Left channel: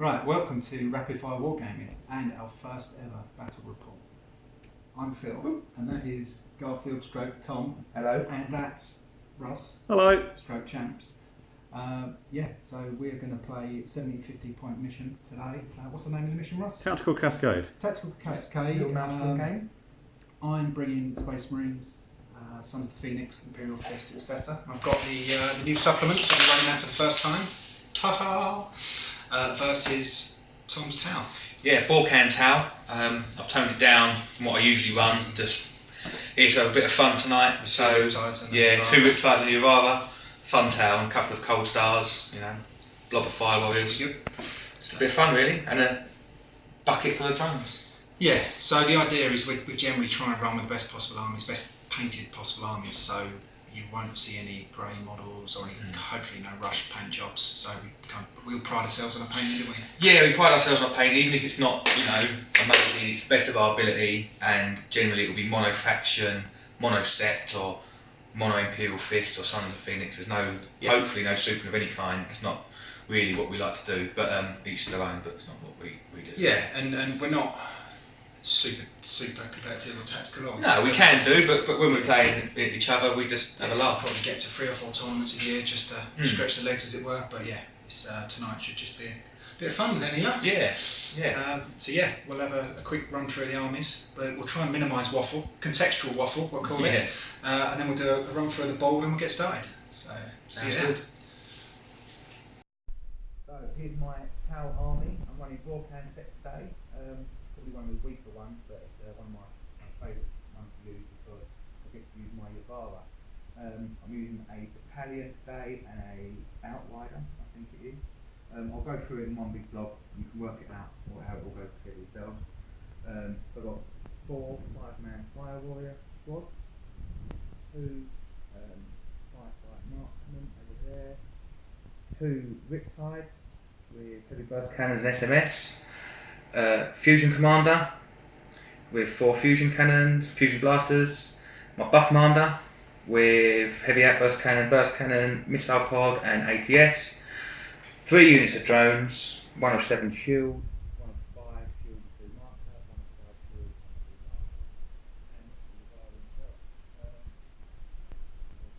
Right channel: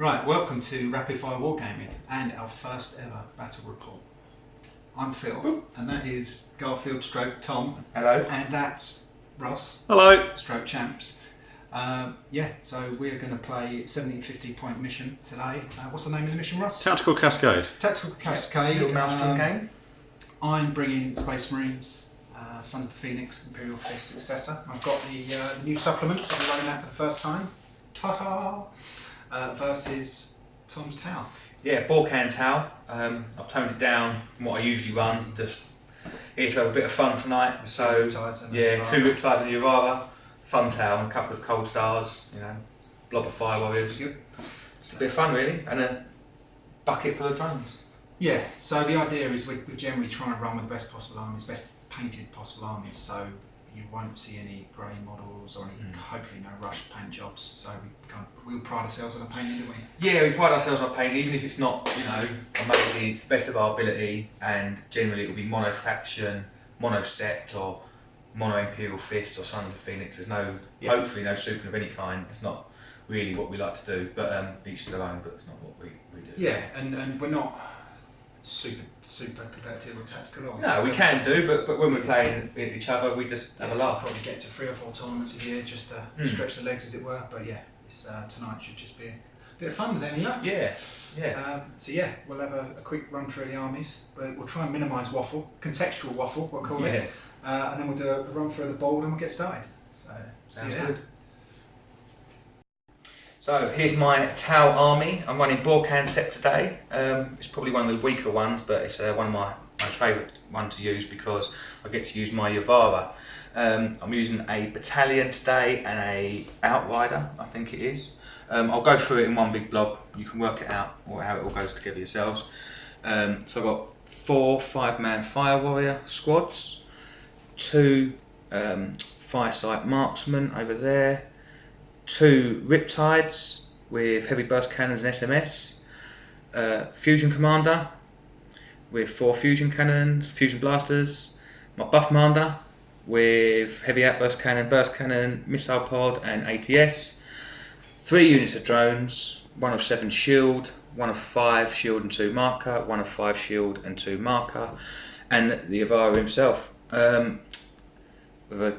Right, welcome to Rapid Fire Wargaming and our first ever battle report. I'm Phil, and that is Garfield stroke Tom. Hello. And that's Russ. Hello. Stroke Champs. So we're going to play 1750 point mission today. What's the name of the mission, Russ? Tactical Cascade. Tactical Cascade. Your Maelstrom game. I'm bringing Space Marines, Sons of the Phoenix, Imperial Fist successor. I've got the new supplements. I'm running that for the first time. Ta-ta! Versus Tom's Tau. Yeah, Borkan Tau. I've toned it down from what I usually run. Just here to have a bit of fun tonight. So yeah, 2 Riptides and Urara, fun Tau, and a couple of Cold Stars. You know, blob of Fire Warriors. It's a bit of fun really, and a bucket full of drones. Yeah. So the idea is we generally try and run with the best possible armies, best painted possible armies. So you won't see any grey models or any, hopefully no rushed paint jobs. So we all pride ourselves on our painting, don't we? Yeah, we pride ourselves on painting, even if it's not, you know, amazing. It's the best of our ability, and generally it will be mono faction, mono sept, or mono Imperial Fist, or Sons of the Phoenix. There's no, hopefully no super of any kind. It's not really what we like to do, but each to their own. But it's not what we do. Yeah, and we're not super competitive or tactical. No, we can do, but when we're playing each other, we just have a laugh. Probably get to 3 or 4 tournaments a year just to stretch the legs, as it were. But yeah, tonight should just be a bit of fun with any luck. Yeah. We'll have a quick run through the armies, but we'll try and minimise waffle, contextual waffle, we'll call it. And then we'll do a run through the board and we'll get started. So sounds good. So here's my Tau army. I'm running Borkan Sept today. It's probably one of the weaker ones, but it's one of my favourite ones to use because I get to use my Urara. I'm using a battalion today and a outrider, I think it is. I'll go through it in one big blob. You can work it out or how it all goes together yourselves. So I've got 4 5-man fire warrior squads, 2 firesight marksmen over there, 2 Riptides with heavy burst cannons and SMS, fusion commander with 4 fusion cannons, fusion blasters, my buff commander with heavy outburst cannon, burst cannon, missile pod and ATS, 3 units of drones, 1 of 7 shield, 1 of 5 shield and 2 marker, 1 of 5 shield and 2 marker, and the Urara himself with a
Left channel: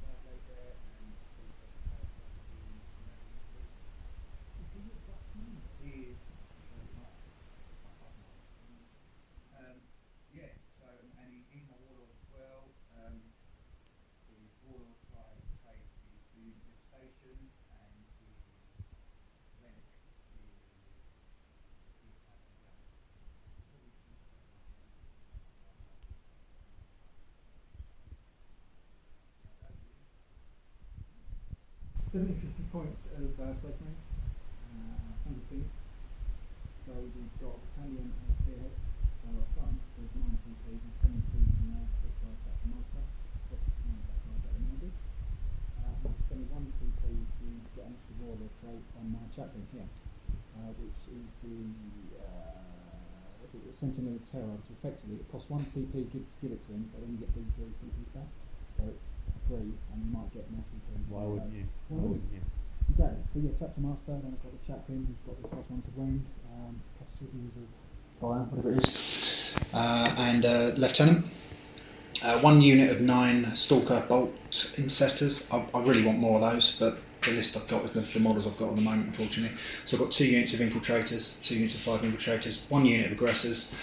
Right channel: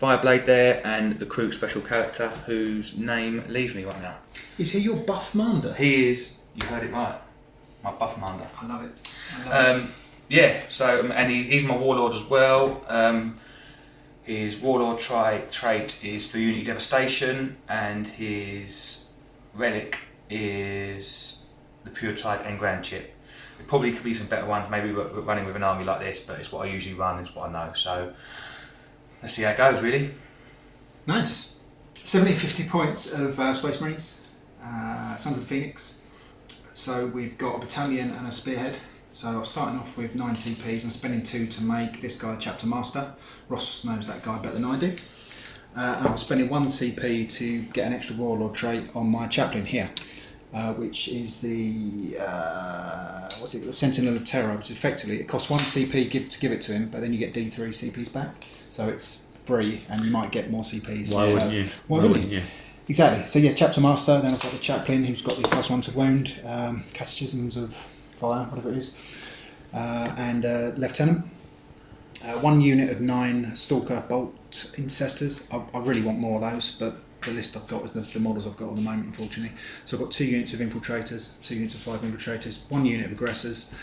Fireblade there, and the Krook special character whose name leaves me right now. Is he your buff commander? He is, you heard it right, my buff commander. I love it. Yeah, so, and he's my warlord as well. His warlord trait is 3 unit devastation, and his relic is the Pure Tide Engram chip. There probably could be some better ones, maybe we're running with an army like this, but it's what I usually run, it's what I know. So let's see how it goes, really. Nice. 1750 points of Space Marines, Sons of the Phoenix. So we've got a battalion and a spearhead. So I'm starting off with 9 CPs. I'm spending 2 to make this guy the chapter master. Ross knows that guy better than I do. And I'm spending 1 CP to get an extra warlord trait on my chaplain here, which is the the Sentinel of Terror, which effectively it costs 1 CP to give it to him, but then you get D3 CPs back. So it's free, and you might get more CPs. Why wouldn't you? Why wouldn't you? Exactly. So yeah, chapter master. Then I've got the chaplain who's got the +1 to wound, catechisms of fire, whatever it is, and lieutenant. 1 unit of 9 stalker bolt incestors. I really want more of those, but the list I've got is the models I've got at the moment, unfortunately. So I've got 2 units of infiltrators, 2 units of 5 infiltrators, 1 unit of aggressors,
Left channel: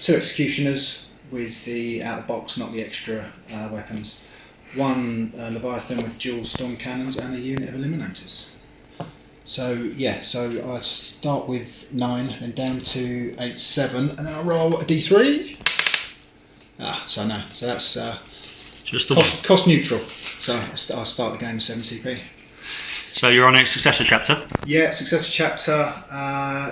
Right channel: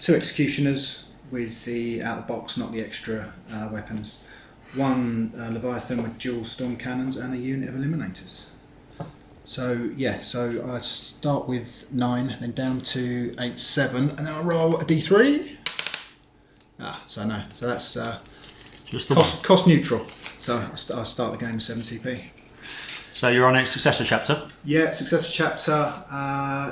2 executioners with the out of the box, not the extra weapons, 1 Leviathan with dual storm cannons, and a unit of eliminators. So yeah, so I start with 9, then down to 8, 7, and then I roll a D3. So no, so that's just the cost neutral. So I'll start the game with 7 CP. So you're on a successor chapter? Yeah, successor chapter.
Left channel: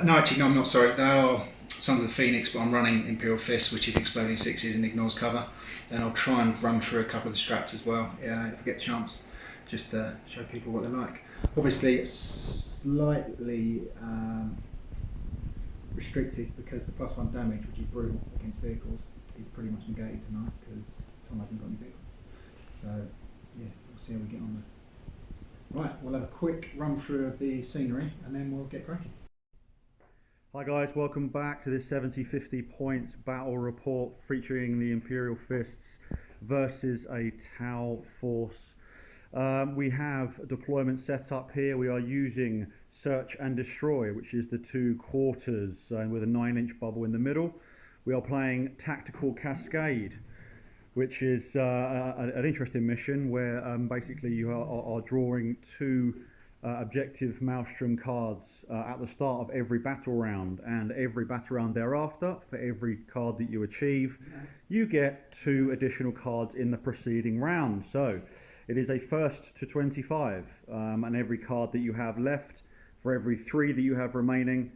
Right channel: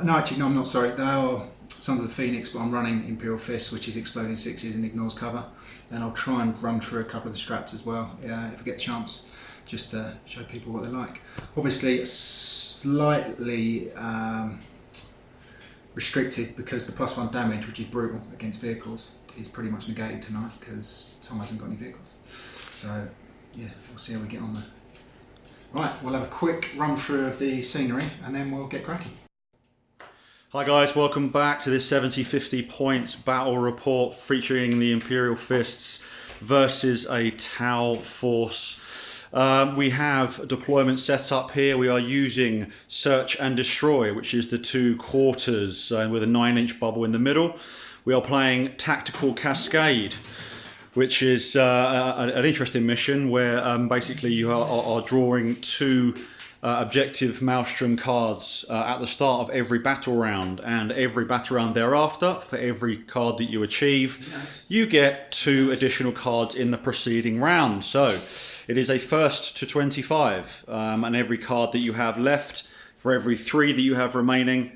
No, I'm not, sorry. They are Sons of the Phoenix, but I'm running Imperial Fist, which is exploding 6s and ignores cover. Then I'll try and run through a couple of the strats as well, if I get the chance, just to show people what they're like. Obviously, slightly restricted because the +1 damage, which is brutal against vehicles, is pretty much negated tonight because Tom hasn't got any vehicles. So yeah, we'll see how we get on there. Right, we'll have a quick run through of the scenery and then we'll get cracking. Hi guys, welcome back to this 70-50 points battle report featuring the Imperial Fists versus a Tau force. We have a deployment set up here. We are using Search and Destroy, which is the 2 quarters with a 9-inch bubble in the middle. We are playing Tactical Cascade, which is an interesting mission where basically you are drawing 2 objective Maelstrom cards at the start of every battle round, and every battle round thereafter, for every card that you achieve, you get 2 additional cards in the preceding round. So it is a first to 25, and every card that you have left, for every 3 that you have remaining,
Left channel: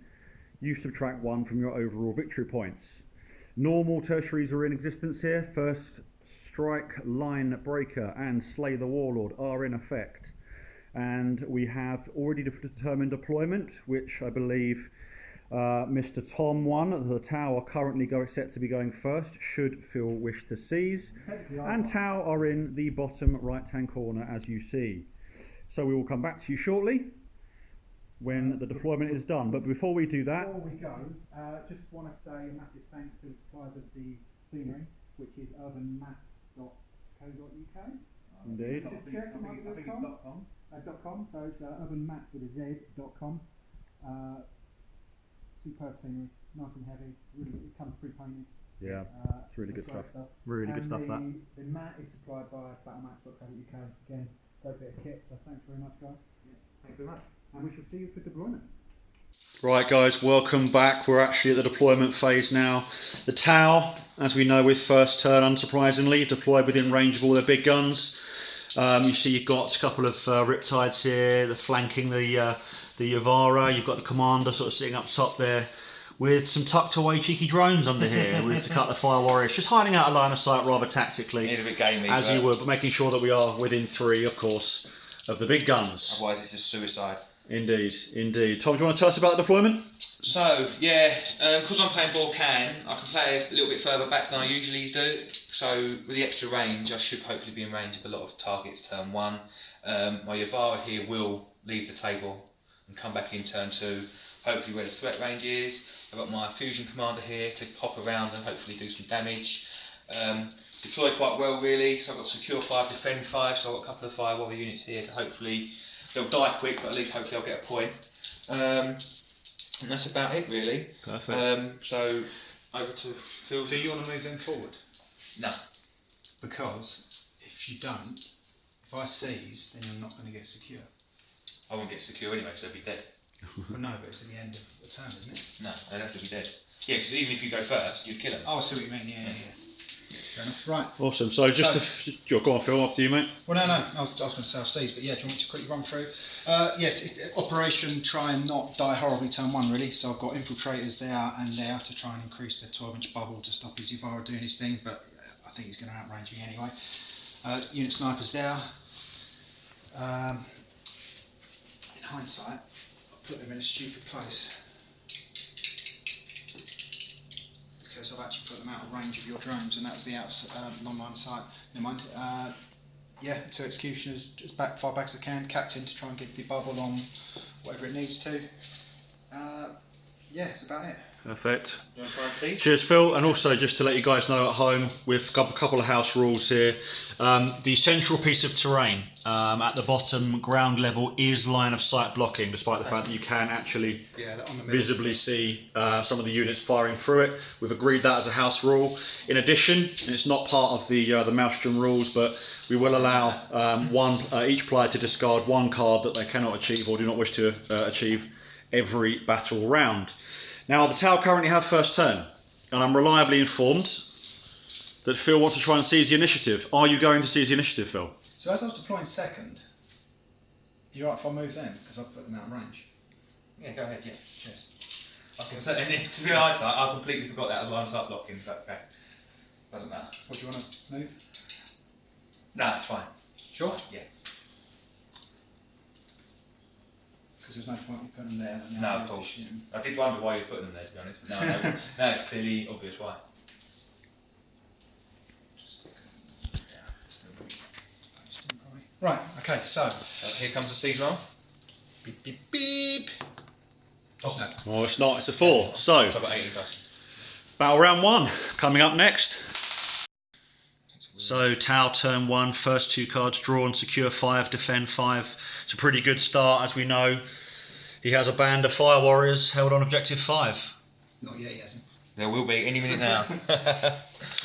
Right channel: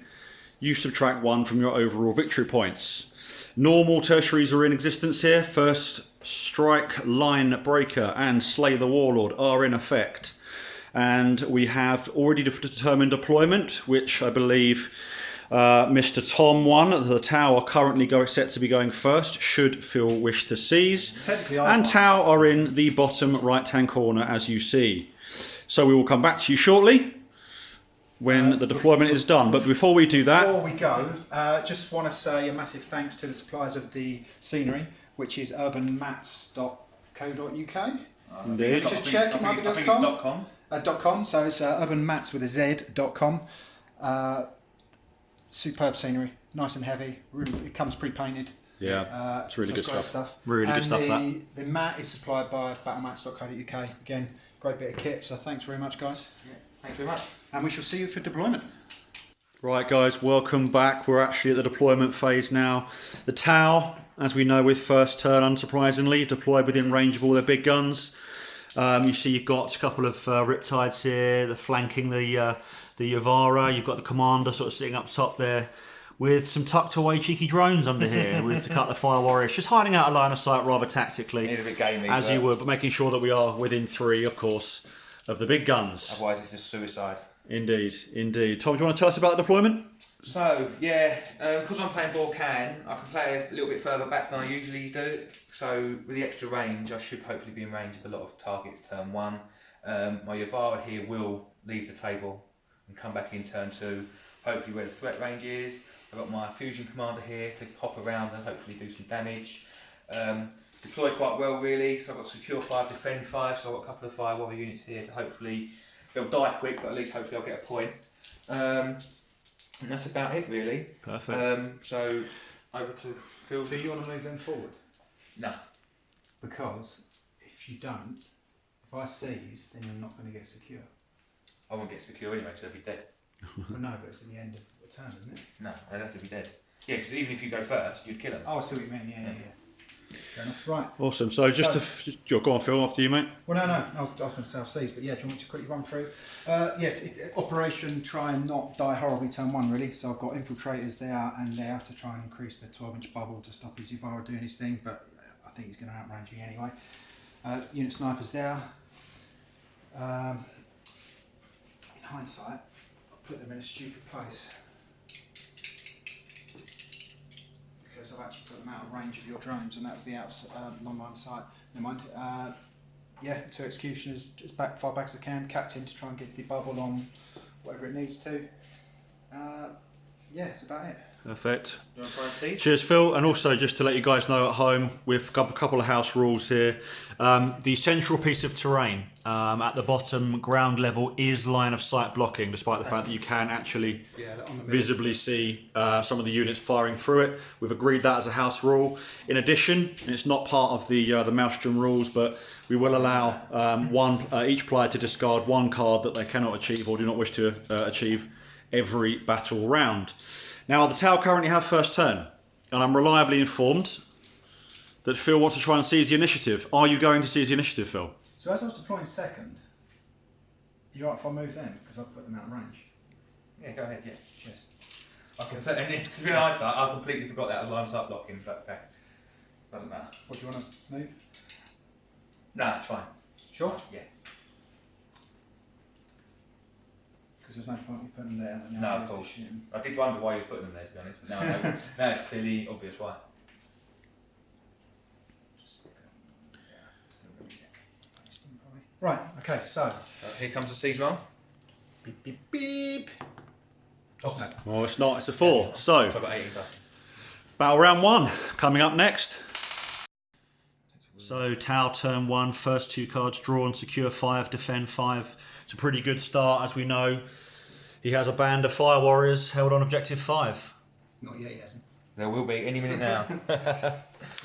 you subtract 1 from your overall victory points. Normal tertiaries are in existence here. First Strike, Line Breaker and Slay the Warlord are in effect. And we have already determined deployment, which I believe Mr. Tom won. The Tau are currently set to be going first, should Phil wish to seize. And Tau are in the bottom right-hand corner, as you see. So we will come back to you shortly when the deployment is done. But before we do that... Before we go, just want to say a massive thanks to the suppliers of the scenery, which is urbanmats.co.uk. Indeed. Just check, it might be I think it's .com. .com, so it's urbanmats with a Z.com. Superb scenery, nice and heavy. Really, it comes pre-painted. Yeah, it's really so good stuff. Really good stuff. The mat is supplied by battlemats.co.uk. Again, great bit of kit. So thanks very much, guys. Yeah, thanks very much. And we shall see you for deployment. Right guys, welcome back. We're actually at the deployment phase now. The Tau, as we know with first turn, unsurprisingly, deployed within range of all their big guns. You see you've got a couple of Riptides here, they're flanking the Yavara. You've got the commander sort of sitting up top there with some tucked away cheeky drones under here with a couple of Fire Warriors, just hiding out a line of sight rather tactically, Need a bit gamey, as you would, but making sure that we are within 3, of course, of the big guns. Otherwise it's just suicide. Indeed, indeed. Tom, do you want to tell us about the deployment? So, yeah, because I'm playing Borcan, I can play a little bit further back than I usually do. So, with the extra range, I should hopefully be in range of a lot of targets turn 1. My Yavara here will leave the table and come back in turn 2, hopefully where the threat range is. I've got my Fusion Commander here to hop around and hopefully do some damage. Deploy quite well really, so I've got Secure 5, Defend 5, so I've got a couple of Fire Warrior units here to hopefully, they'll die quick, but at least hopefully I'll get a point. And that's about it really. Perfect. So, over to Phil. Do you want to move them forward? No. Because if you don't, if I seize, then you're not going to get secure. I won't get secure anyway, so they'll be dead. Well, no, but it's at the end of the turn, isn't it? No, they'd have to be dead. Yeah, because even if you go first, you'd kill them. Oh, I see what you mean. Yeah. Fair enough. Right. Awesome. So go on, Phil, after you, mate. Well, no. I was going to say I'll seize, but yeah, do you want me to quickly run through? Operation try and not die horribly turn 1 really. So I've got infiltrators there and there to try and increase the 12-inch bubble to stop his Yavara doing his thing, but I think he's going to outrange me anyway. Unit snipers there. In hindsight, I put them in a stupid place because I've actually put them out of range of your drones, and that was the long line of sight. Never mind. Yeah, 2 executioners, as far back as I can. Captain to try and get the bubble on whatever it needs to. Yeah, that's about it. Perfect. You want to try and see? Cheers, Phil. And also, just to let you guys know at home, we've got a couple of house rules here. The central piece of terrain at the bottom, ground level, is line of sight blocking, despite the fact that you can actually visibly see some of the units firing through it. We've agreed that as a house rule. In addition, and it's not part of the Maelstrom rules, but we will allow each player to discard 1 card that they cannot achieve or do not wish to achieve every battle round. Now, the Tau currently have first turn, and I'm reliably informed that Phil wants to try and seize the initiative. Are you going to seize the initiative, Phil? So as I was deploying second, are you right if I move them? Because I've put them out of range. Yeah, go ahead, yeah. Cheers. To be honest, I completely forgot that as line of sight blocking, but okay. Doesn't matter. What do you want to move? No, it's fine. Sure? Yeah. Because there's no point in putting them there. No, of course. I did wonder why you were putting them there, to be honest. But now it's clearly obvious why. Just stick them, yeah, still probably. Right, okay, so. Here comes the siege roll. Beep, beep, beep. Oh, no. Well, it's not, it's a 4. So, So I've got 18 plus. battle round 1 coming up next. So, Tau turn 1, first 2 cards, draw and secure 5, defend 5. It's a pretty good start, as we know. He has a band of fire warriors held on objective 5. Not yet, he hasn't. There will be any minute now.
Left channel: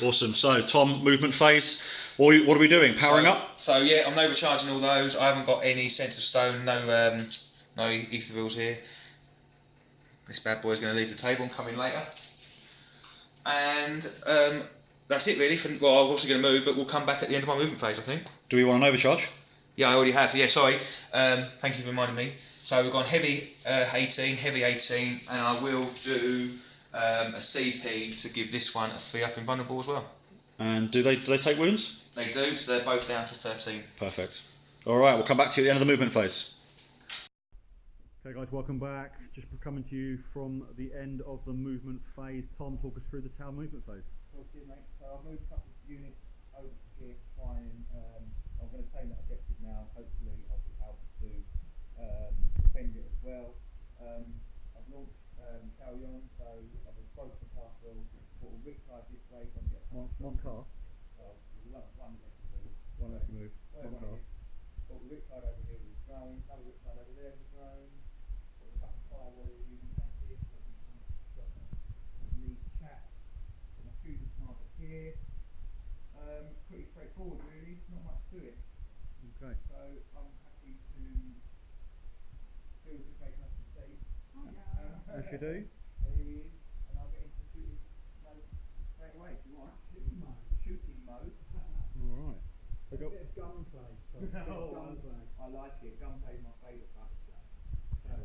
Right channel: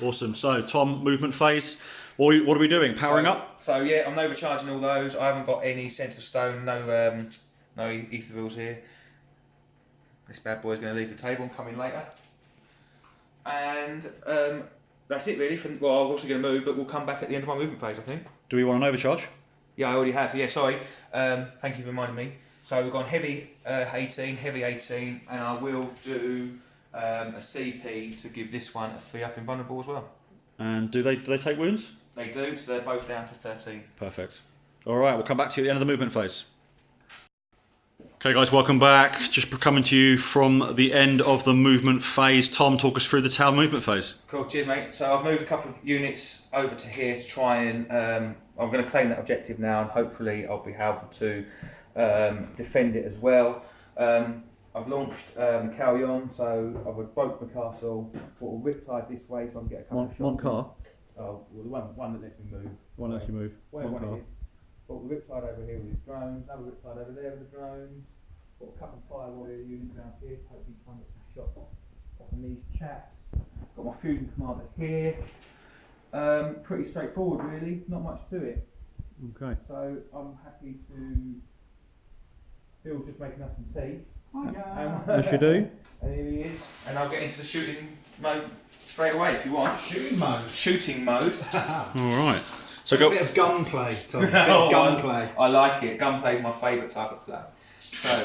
Awesome. So, Tom, movement phase. What are we doing? Powering up? So yeah, I'm overcharging all those. I haven't got any sense of stone, no ethereals here. This bad boy's going to leave the table and come in later. And that's it really. Well, I'm obviously going to move, but we'll come back at the end of my movement phase, I think. Do we want an overcharge? Yeah, I already have. Yeah, sorry. Thank you for reminding me. So we've gone heavy 18, heavy 18, and I will do a CP to give this one a 3-up invulnerable as well. And do they take wounds? They do, so they're both down to 13. Perfect. All right, we'll come back to you at the end of the movement phase. Okay, guys, welcome back. Just coming to you from the end of the movement phase. Tom, talk us through the Tau movement phase. Cool, cheers, mate. So I've moved a couple of units over to here to try and I'm going to claim that objective now, and hopefully I'll be able to defend it as well. I've launched Calyon, so I've broke the castle, put a riptide this way so I can get a couple of shots. One car? Oh, well, the one that lets me move. One lets you move. One car. Put the riptide over here with his drones, another riptide over there with the drones. Put a couple of fire warrior units down here, hopefully try and get some shots off of these chaps. Got my fusion commander here. Pretty straightforward really, not much to it. Okay. So I'm happy to. Bill's just making us some tea. Yes, you do. And here he is. And I'll get into the shooting mode straight away if you want. Shooting mode. Shooting mode. All right. So A go. bit of gunplay, Tom. A bit of gunplay. I like it. Gunplay is my favourite type of play. So.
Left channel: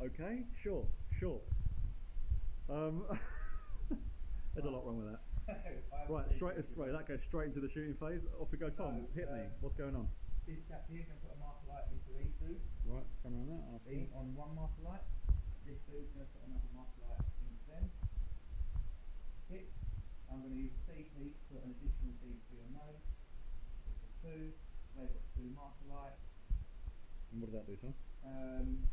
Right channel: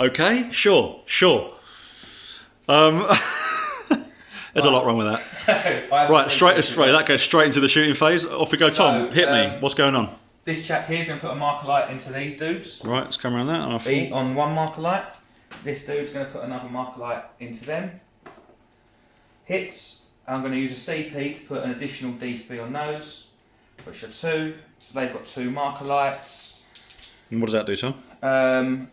Okay, sure. There's a lot wrong with that. Right, straight. That goes straight into the shooting phase. Off we go, Tom. So, hit me. What's going on? This chap here is going to put a marker light into these dudes. Right, let's come around that. On one marker light. This dude's going to put another marker light into them. Hits. I'm going to use a CP to put an additional D3 on those, which are 2. So they've got 2 marker lights. And what does that do, Tom?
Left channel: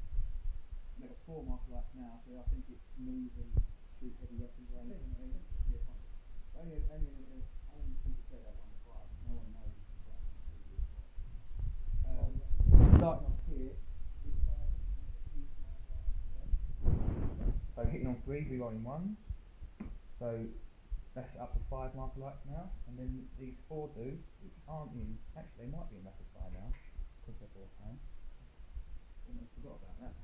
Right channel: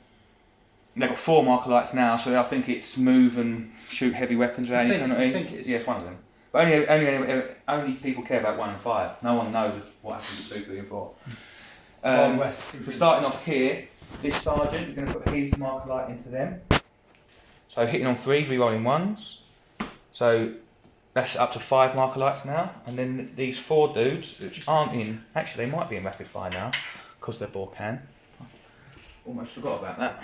They've got 4 marker lights now, so I think it's move and shoot heavy weapons around. I think it is. Yeah, it's one of them. But only people care about 1 and 5. No one knows what happens with 2, 3 and 4. So starting off here, this sergeant is going to put his marker light into them. So hitting on 3s, re-rolling 1s. So that's up to 5 marker lights now. And then these 4 dudes, which aren't in, actually they might be in rapid fire now, because they're bore can. Almost forgot about that.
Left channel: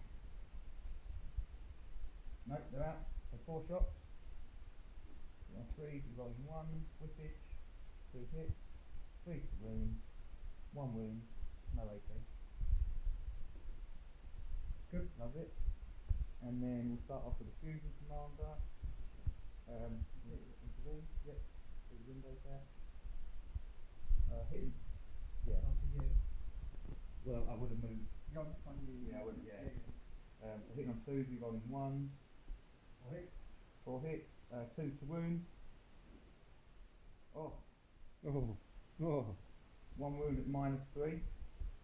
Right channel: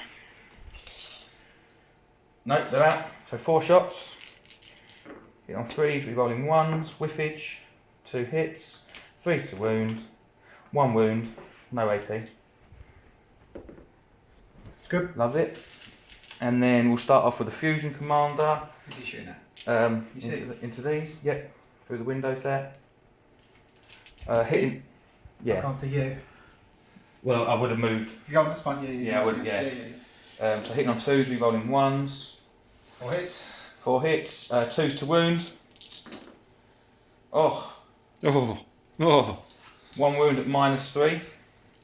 Nope, they're out. So 4 shots. Hit on 3s, re-rolling 1s, whiffage, 2 hits, 3s to wound, 1 wound, no AP. Good. Loves it. And then we'll start off with the fusion commander. Who's he shooting at? Into these, yep, through the windows there. Hitting, yeah. I can't see you. Well, I would have moved. Yeah, that's fine. Yeah, I would. Yeah. So hitting on 2s, re-rolling 1s. 4 hits. 4 hits. 2s to wound. Oh. 1 wound at -3.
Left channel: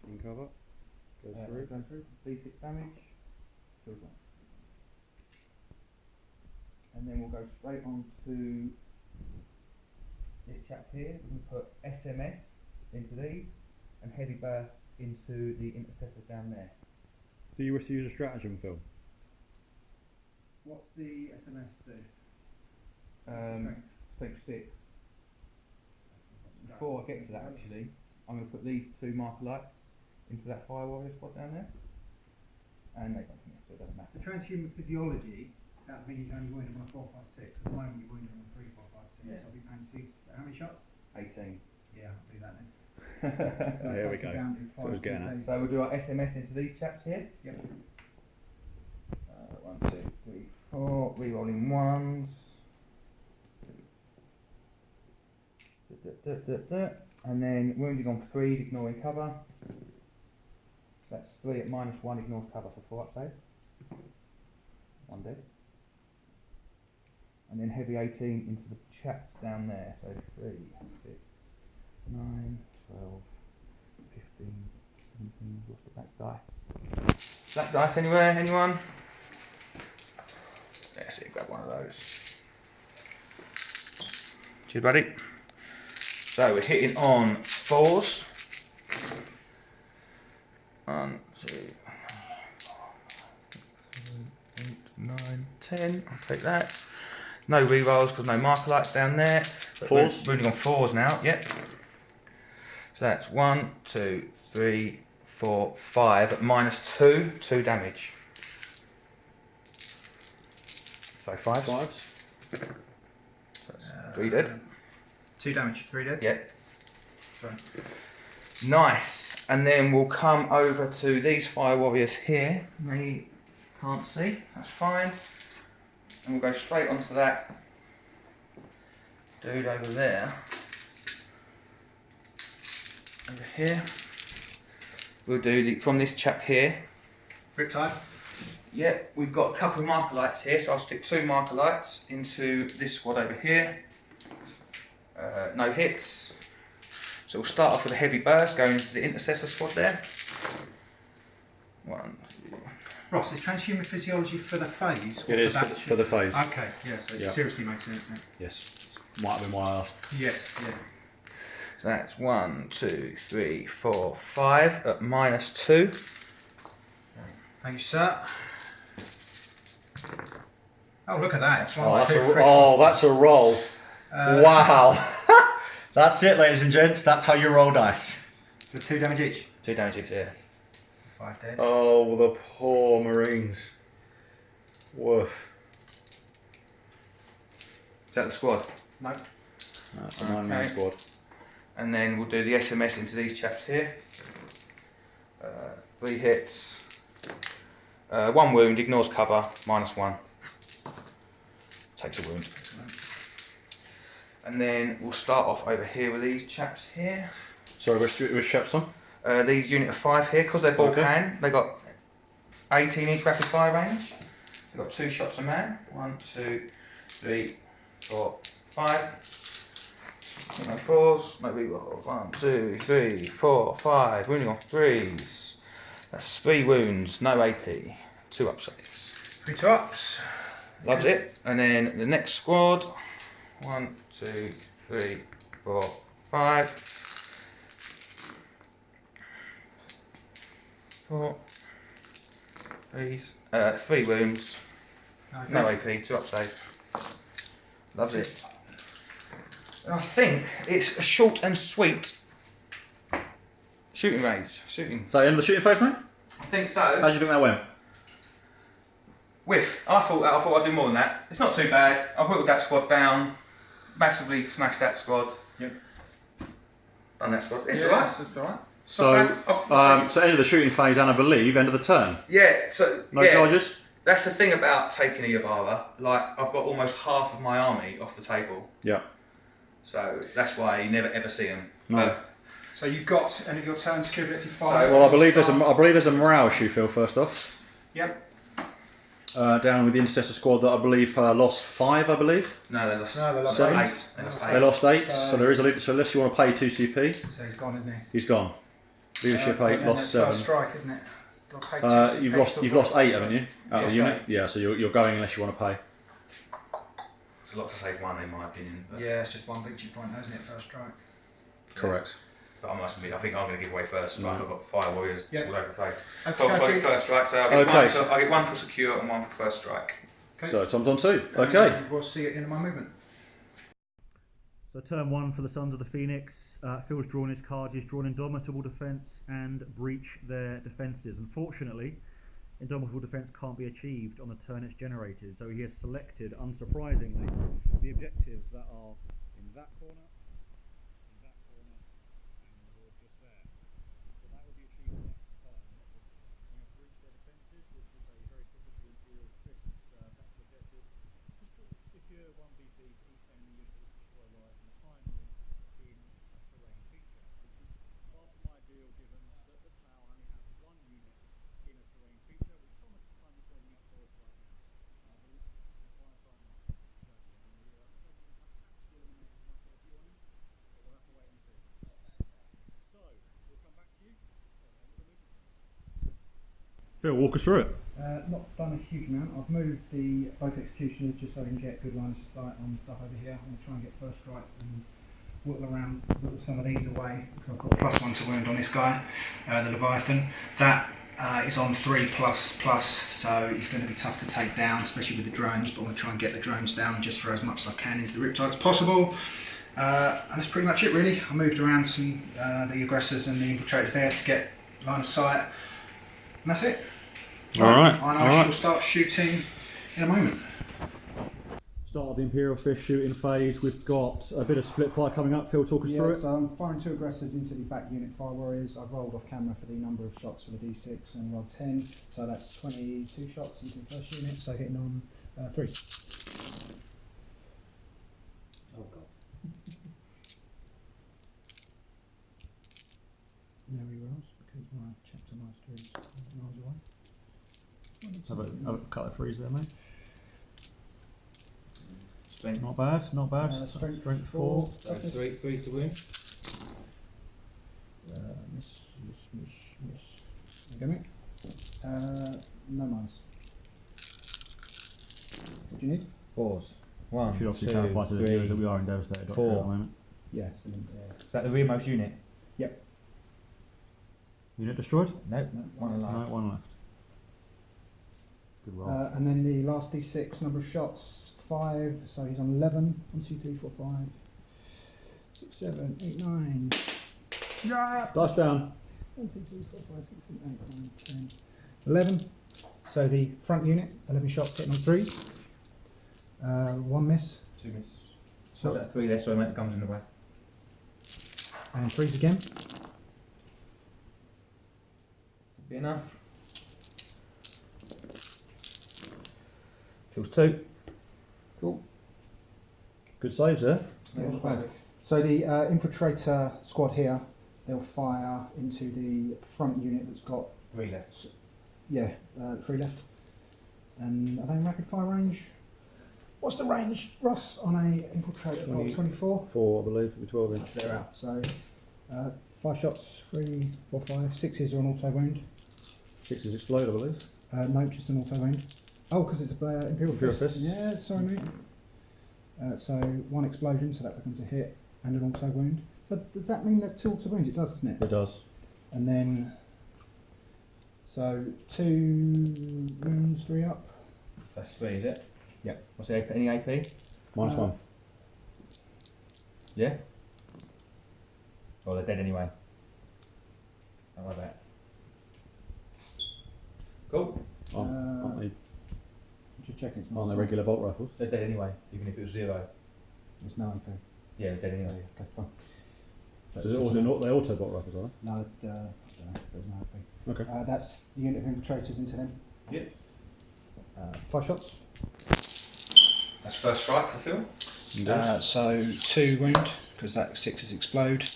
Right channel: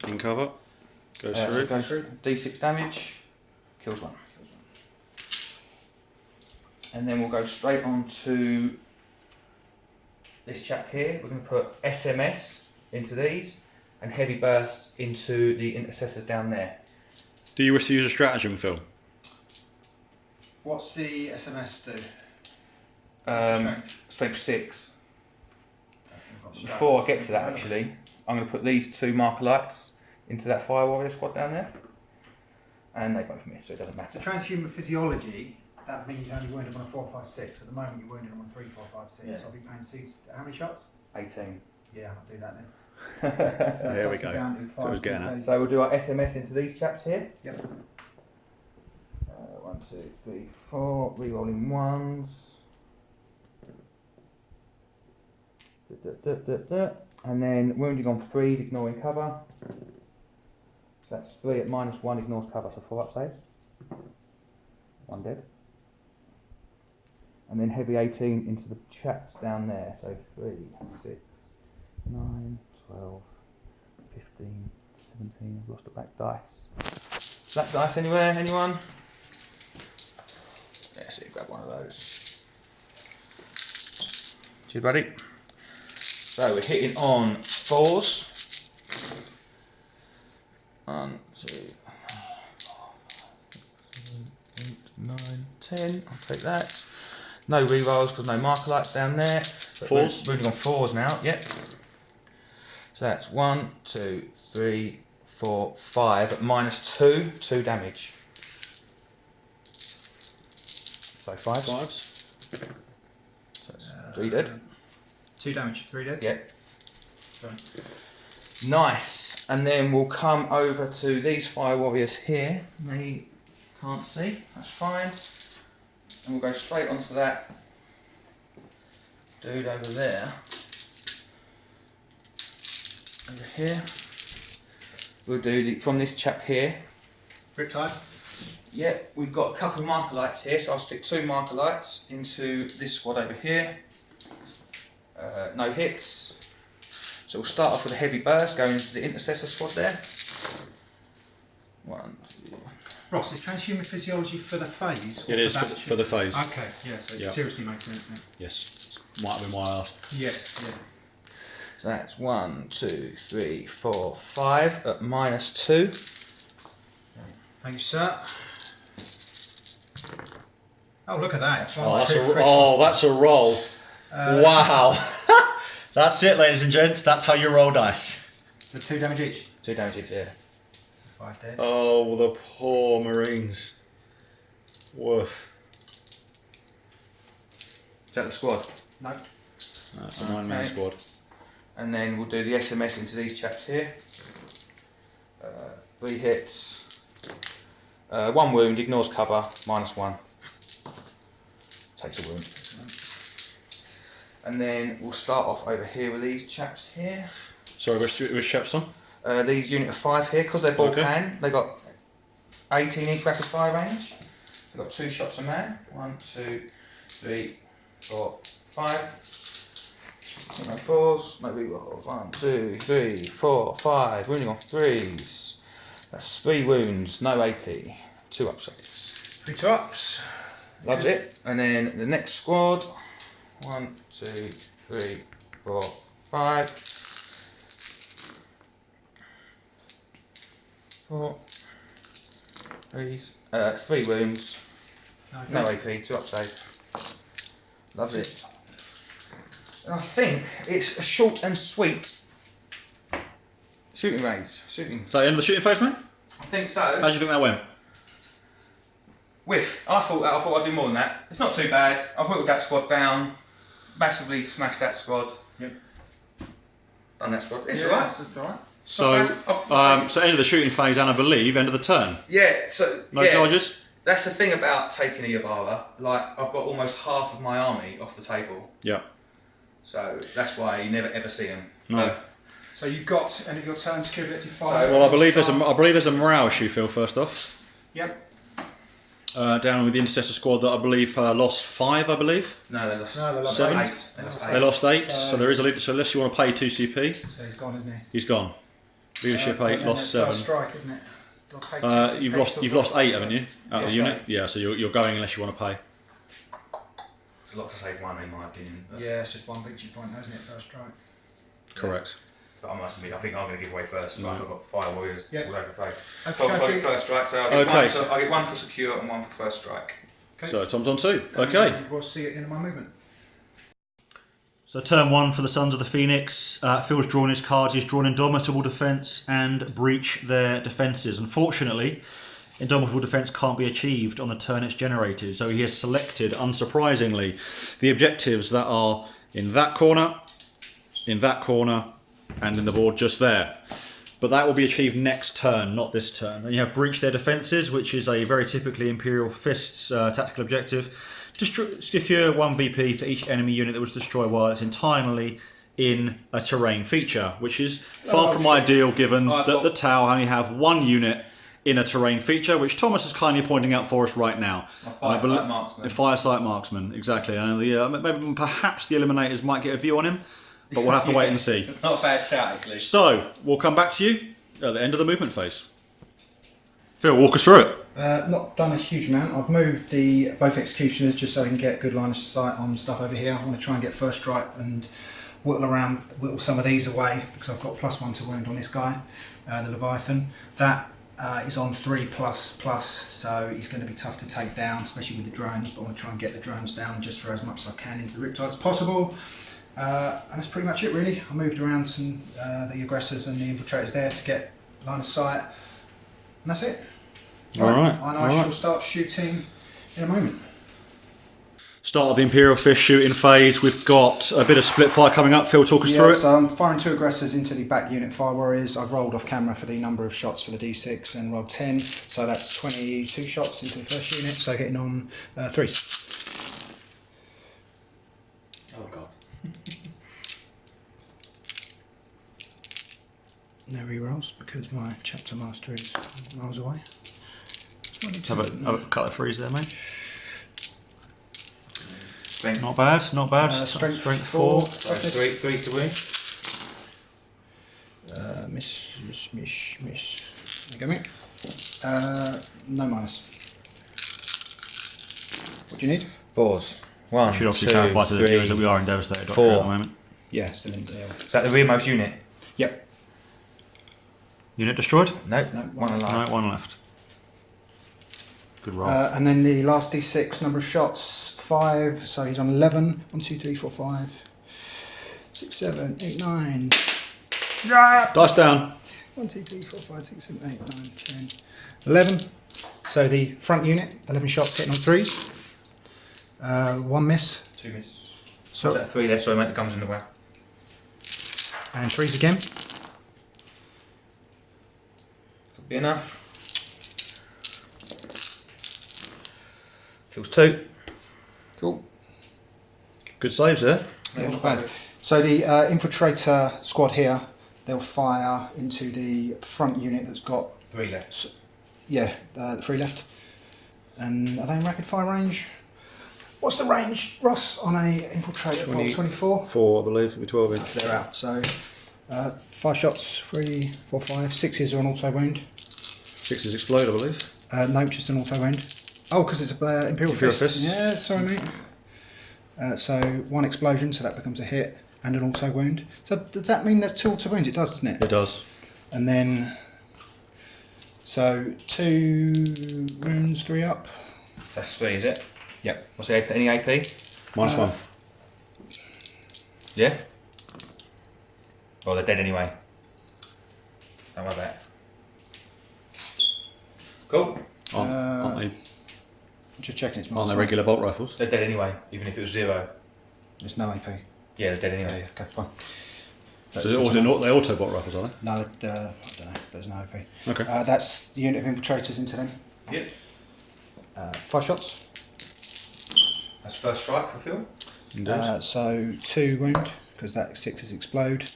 In cover. Goes So through. goes through. D6 damage. Kills 1. And then we'll go straight on to this chap here. We're going to put SMS into these and heavy burst into the intercessors down there. Do you wish to use a stratagem, Phil? What's the SMS do? Strength 6. Before I get to that, actually, I'm going to put these 2 marker lights into that fire warrior squad down there, and they both miss, so it doesn't matter. So transhuman physiology, that means you only wound them on a 4, 5, 6. At the moment you wounded them on 3, 4, 5, 6. Yeah. I'll be paying 6. How many shots? 18. Yeah, I'll do that then. So Here we that's go. down to 5, So it's getting 6, So we'll do our SMS into these chaps here. Yep. 1, 2, 3, 4. Rerolling 1s. And then wounding on 3s, ignoring cover. So that's 3 at -1, ignores cover, so 4 up saves. 1 dead. And then heavy 18 into the chaps down there. So 3, 6, 9, 12, 15, 17. I've lost a black dice. Black dice anywhere? Anyone? Yeah, see, grab one of those. Cheers, buddy. So we're hitting on 4s. 1, 2, 8, 9, 10. I'll take that. No rerolls because no marker lights down there. 4s? We're moving on 4s now, yep. So that's 1, 2, 3, 4, 5 at -2, 2 damage. So 5s. 5s. So that's 3 dead. 2 damage, 3 dead? Yep. Sorry. Nice. And then we'll come over to these fire warriors here. They can't see, that's fine. And we'll go straight onto that dude over there. Over here. We'll do from this chap here. Riptide? Yeah, we've got a couple of marker lights here, so I'll stick 2 marker lights into this squad over here. No hits. So we'll start off with a heavy burst, going into the intercessor squad there. 1, 2. Ross, is transhuman physiology for the phase? It is for the phase. Okay, yeah, so it seriously makes sense then. Yes. Might have been why I asked. Yes, yeah. So that's 1, 2, 3, 4, 5 at -2. Thank you, sir. Oh, look at that. It's one, Oh, that's two, a, three, oh, that's a roll. Wow. That's it, ladies and gents. That's how you roll dice. So 2 damage each. 2 damage each, yeah. 5 dead. Oh, the poor Marines. Woof. Is that the squad? No. That's a 9-man squad. And then we'll do the SMS into these chaps here. 3 hits. 1 wound, ignores cover, -1. Takes a wound. And then we'll start off over here with these chaps here. Sorry, which chaps on? These unit of 5 here, because they're ball Okay. can, they got 18-inch rapid fire range. They've got 2 shots a man. 1, 2, 3, 4, 5. No 4s, no rerolls. 1, 2, 3, 4, 5. Wounding on 3s. That's 3 wounds, no AP. 2 up saves. 3 2-ups. Loves it. And then the next squad. 1, 2, 3, 4, 5. 4. 3 wounds. Okay. No AP, 2 up save. Loves it. And I think it's a short and sweet shooting range. Shooting. Is that the end of the shooting phase, mate? I think How so. do you think that went? Whiff. I thought I'd do more than that. It's not too bad. I've whittled that squad down. Massively smashed that squad. Yep. Done that squad. It's Yeah, alright. It's alright. So end of the shooting phase and I believe end of the turn. Yeah, so No yeah, charges? that's the thing about taking a Yavara. Like, I've got almost half of my army off the table. Yeah. So that's why you never ever see them. No. So you've got end of your turn, secure ability 5. Well, I believe there's a morale issue, Phil, first off. Yep. Down with the intercessor squad that I believe lost 5, I believe. No, they lost, No, they lost 7. 8. They lost 8, So- so there is so unless you want to pay 2 CP, So he's gone, isn't he? he's gone. Leadership 8, And lost then 7. First strike, isn't it? Do I pay 2 CP You've for lost first 8, strike? haven't you? Out of the Yeah, unit? Yeah, so you're going unless you want to pay. It's a lot to save one, in my opinion. But, Yeah, it's just 1 victory point, isn't it? First strike. Correct. but I must admit, I think I'm going to give away first strike. I've got fire warriors Yep. all over the place. Okay, I'll okay. first strike, so I'll get 1 for secure and 1 for first strike. Okay. So Tom's on 2. Okay. And we'll see it in my movement. So turn 1 for the Sons of the Phoenix. Phil's drawn his cards. He's drawn Indomitable Defence and Breach their defences. Unfortunately, Indomitable Defence can't be achieved on the turn it's generated. So he has selected, unsurprisingly, the objectives that are in that corner, and in the board just there. But that will be achieved next turn, not this turn. And you have Breach their defences, which is a very typically Imperial Fists tactical objective. Secure 1 VP for each enemy unit that was destroyed while it's entirely in a terrain feature, which is far from ideal given that the Tau only have 1 unit in a terrain feature, which Thomas is kindly pointing out for us right now. Firesight marksman. The Firesight marksman, exactly. And maybe perhaps the Eliminators might get a view on him. but we'll have to wait and see. It's not a bad shout, actually. So, we'll come back to you at the end of the movement phase. Phil, walk us through it. Not done a huge amount. I've moved both executioners just so I can get good line of sight on stuff over here. I want to try and get first strike and whittle some of these away because I've got +1 to wound on this guy, the Leviathan. That is on 3++, so he's going to be tough to take down, especially with the drones, but I want to try and get the drones down just for as much as I can into the Riptide as possible. And that's pretty much it really. I moved around some the aggressors and the infiltrators there to get line of sight, and that's it. Alright. And I shall start shooting in a moment. Start of the Imperial Fist shooting phase. We've got a bit of split fire coming up. Phil, talk us through it. So I'm firing 2 aggressors into the back unit Fire Warriors. I've rolled off camera for the number of shots for the D6 and rolled 10. So that's 22 shots into the first unit. So hitting on 3. Oh god. No re-rolls because my chapter master is miles away. Have a cut of freeze there, mate. Strength. Not bad, not bad. Strength 4. Three to win. Miss. There you go, mate. No minus. What do you need? 4s. 1, Should obviously 2, clarify to the 3, viewers that we are in devastated doctor 4. at the moment. Yeah, still in there. Is that the rearmost unit? Yep. Unit destroyed? No, No, one alive. No, 1 left. Good roll. And then the last D6 number of shots 5. So he's on 11. 1, 2, 3, 4, 5, 6, 7, 8, 9. Dice down. 1, 2, 3, 4, 5, 6, 7, 8, 9, 10, 11. So the front unit, 11 shots hitting on 3s. 1 miss. 2 miss. So Is that 3 there? Sorry, mate, the guns in the way. and 3s again. Could be enough. Kills 2. Cool. Good saves there. Yeah, not bad. So the infiltrator squad here, they'll fire into the front unit that's got 3 left. yeah, 3 left. And are they in rapid fire range? What's the range, Ross, on a infiltrator? 24? 4, I believe. It'll be 12 inch. They're out. So 5 shots, 3, 4, 5. 6s are an auto wound. 6s explode, I believe. No, just an auto wound. Oh, because it's a Imperial Fist. Fist. Yeah, sorry, mate. So 1 explosion, so that becomes a hit, and an auto wound. So does that mean there's 2 auto wounds? It does, doesn't it? It does. And then, so 2 wounds, 3 up. That's 3, is it? Yep. What's the AP? Any AP? -1. Yeah? Well, they're dead anyway. Don't worry about it. Cool. Aren't they? Just checking it's Aren't they -1. regular bolt rifles? They're dead anyway, even if it was 0. There's no AP. Yeah, they're dead Yeah, anyway. okay, fine. So is it they auto bolt rifles, are they? No, I don't know. There's no AP. Okay. That's the unit of infiltrators into them. Yep. 5 shots. That's first strike for Phil. So 2 wound, because that 6s explode.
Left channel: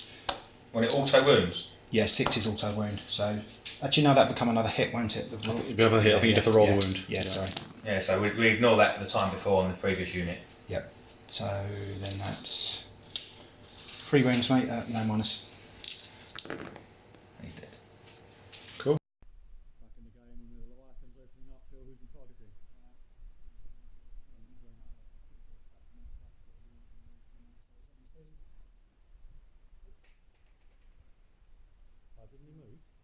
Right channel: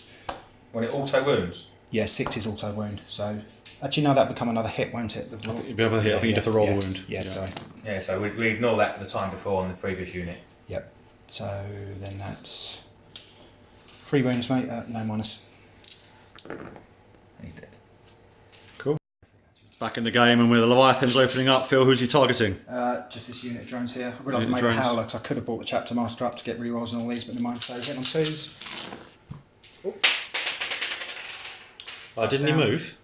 When it auto wounds. Yeah, 6 is auto wound. So actually, no, that'll become another hit, won't it? I think you'd be able to hit. I think you'd have to roll the wound. Yeah, sorry. Yeah, so we ignore that the time before on the previous unit. Yep. So then that's 3 wounds, mate. No minus. He's dead. Cool. Back in the game, and with the Leviathans opening up, Phil, who's he targeting? Just this unit of drones here. I realised I Unit made drones. a howler because I could have brought the chapter master up to get rerolls and all these, but never mind. So hitting on 2s. Didn't he Down. move?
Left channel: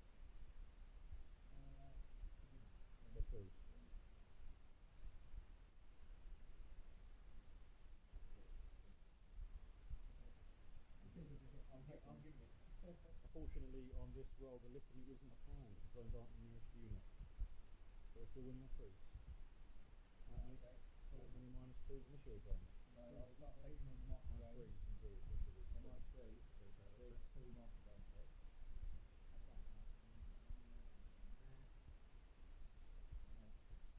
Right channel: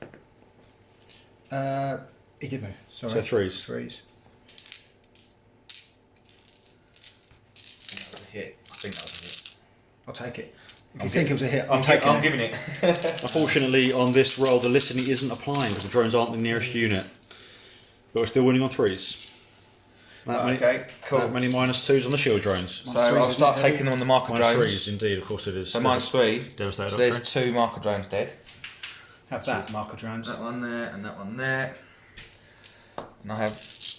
He did move. Sorry. So 3s. 3s. That was a hit. I think that was a hit. I'll take it. If you think it was a hit, I'm giving it. Unfortunately, on this roll, the litany isn't applying because the drones aren't the nearest unit. But we're still winning on 3s. Okay, cool. That many -2s on the shield drones. So I'll start taking them on the marker drones. -3s, indeed, of course it is. So -3. Devastated So there's Doctrine. 2 marker drones dead. Have that marker drones. That one there and that one there. And I have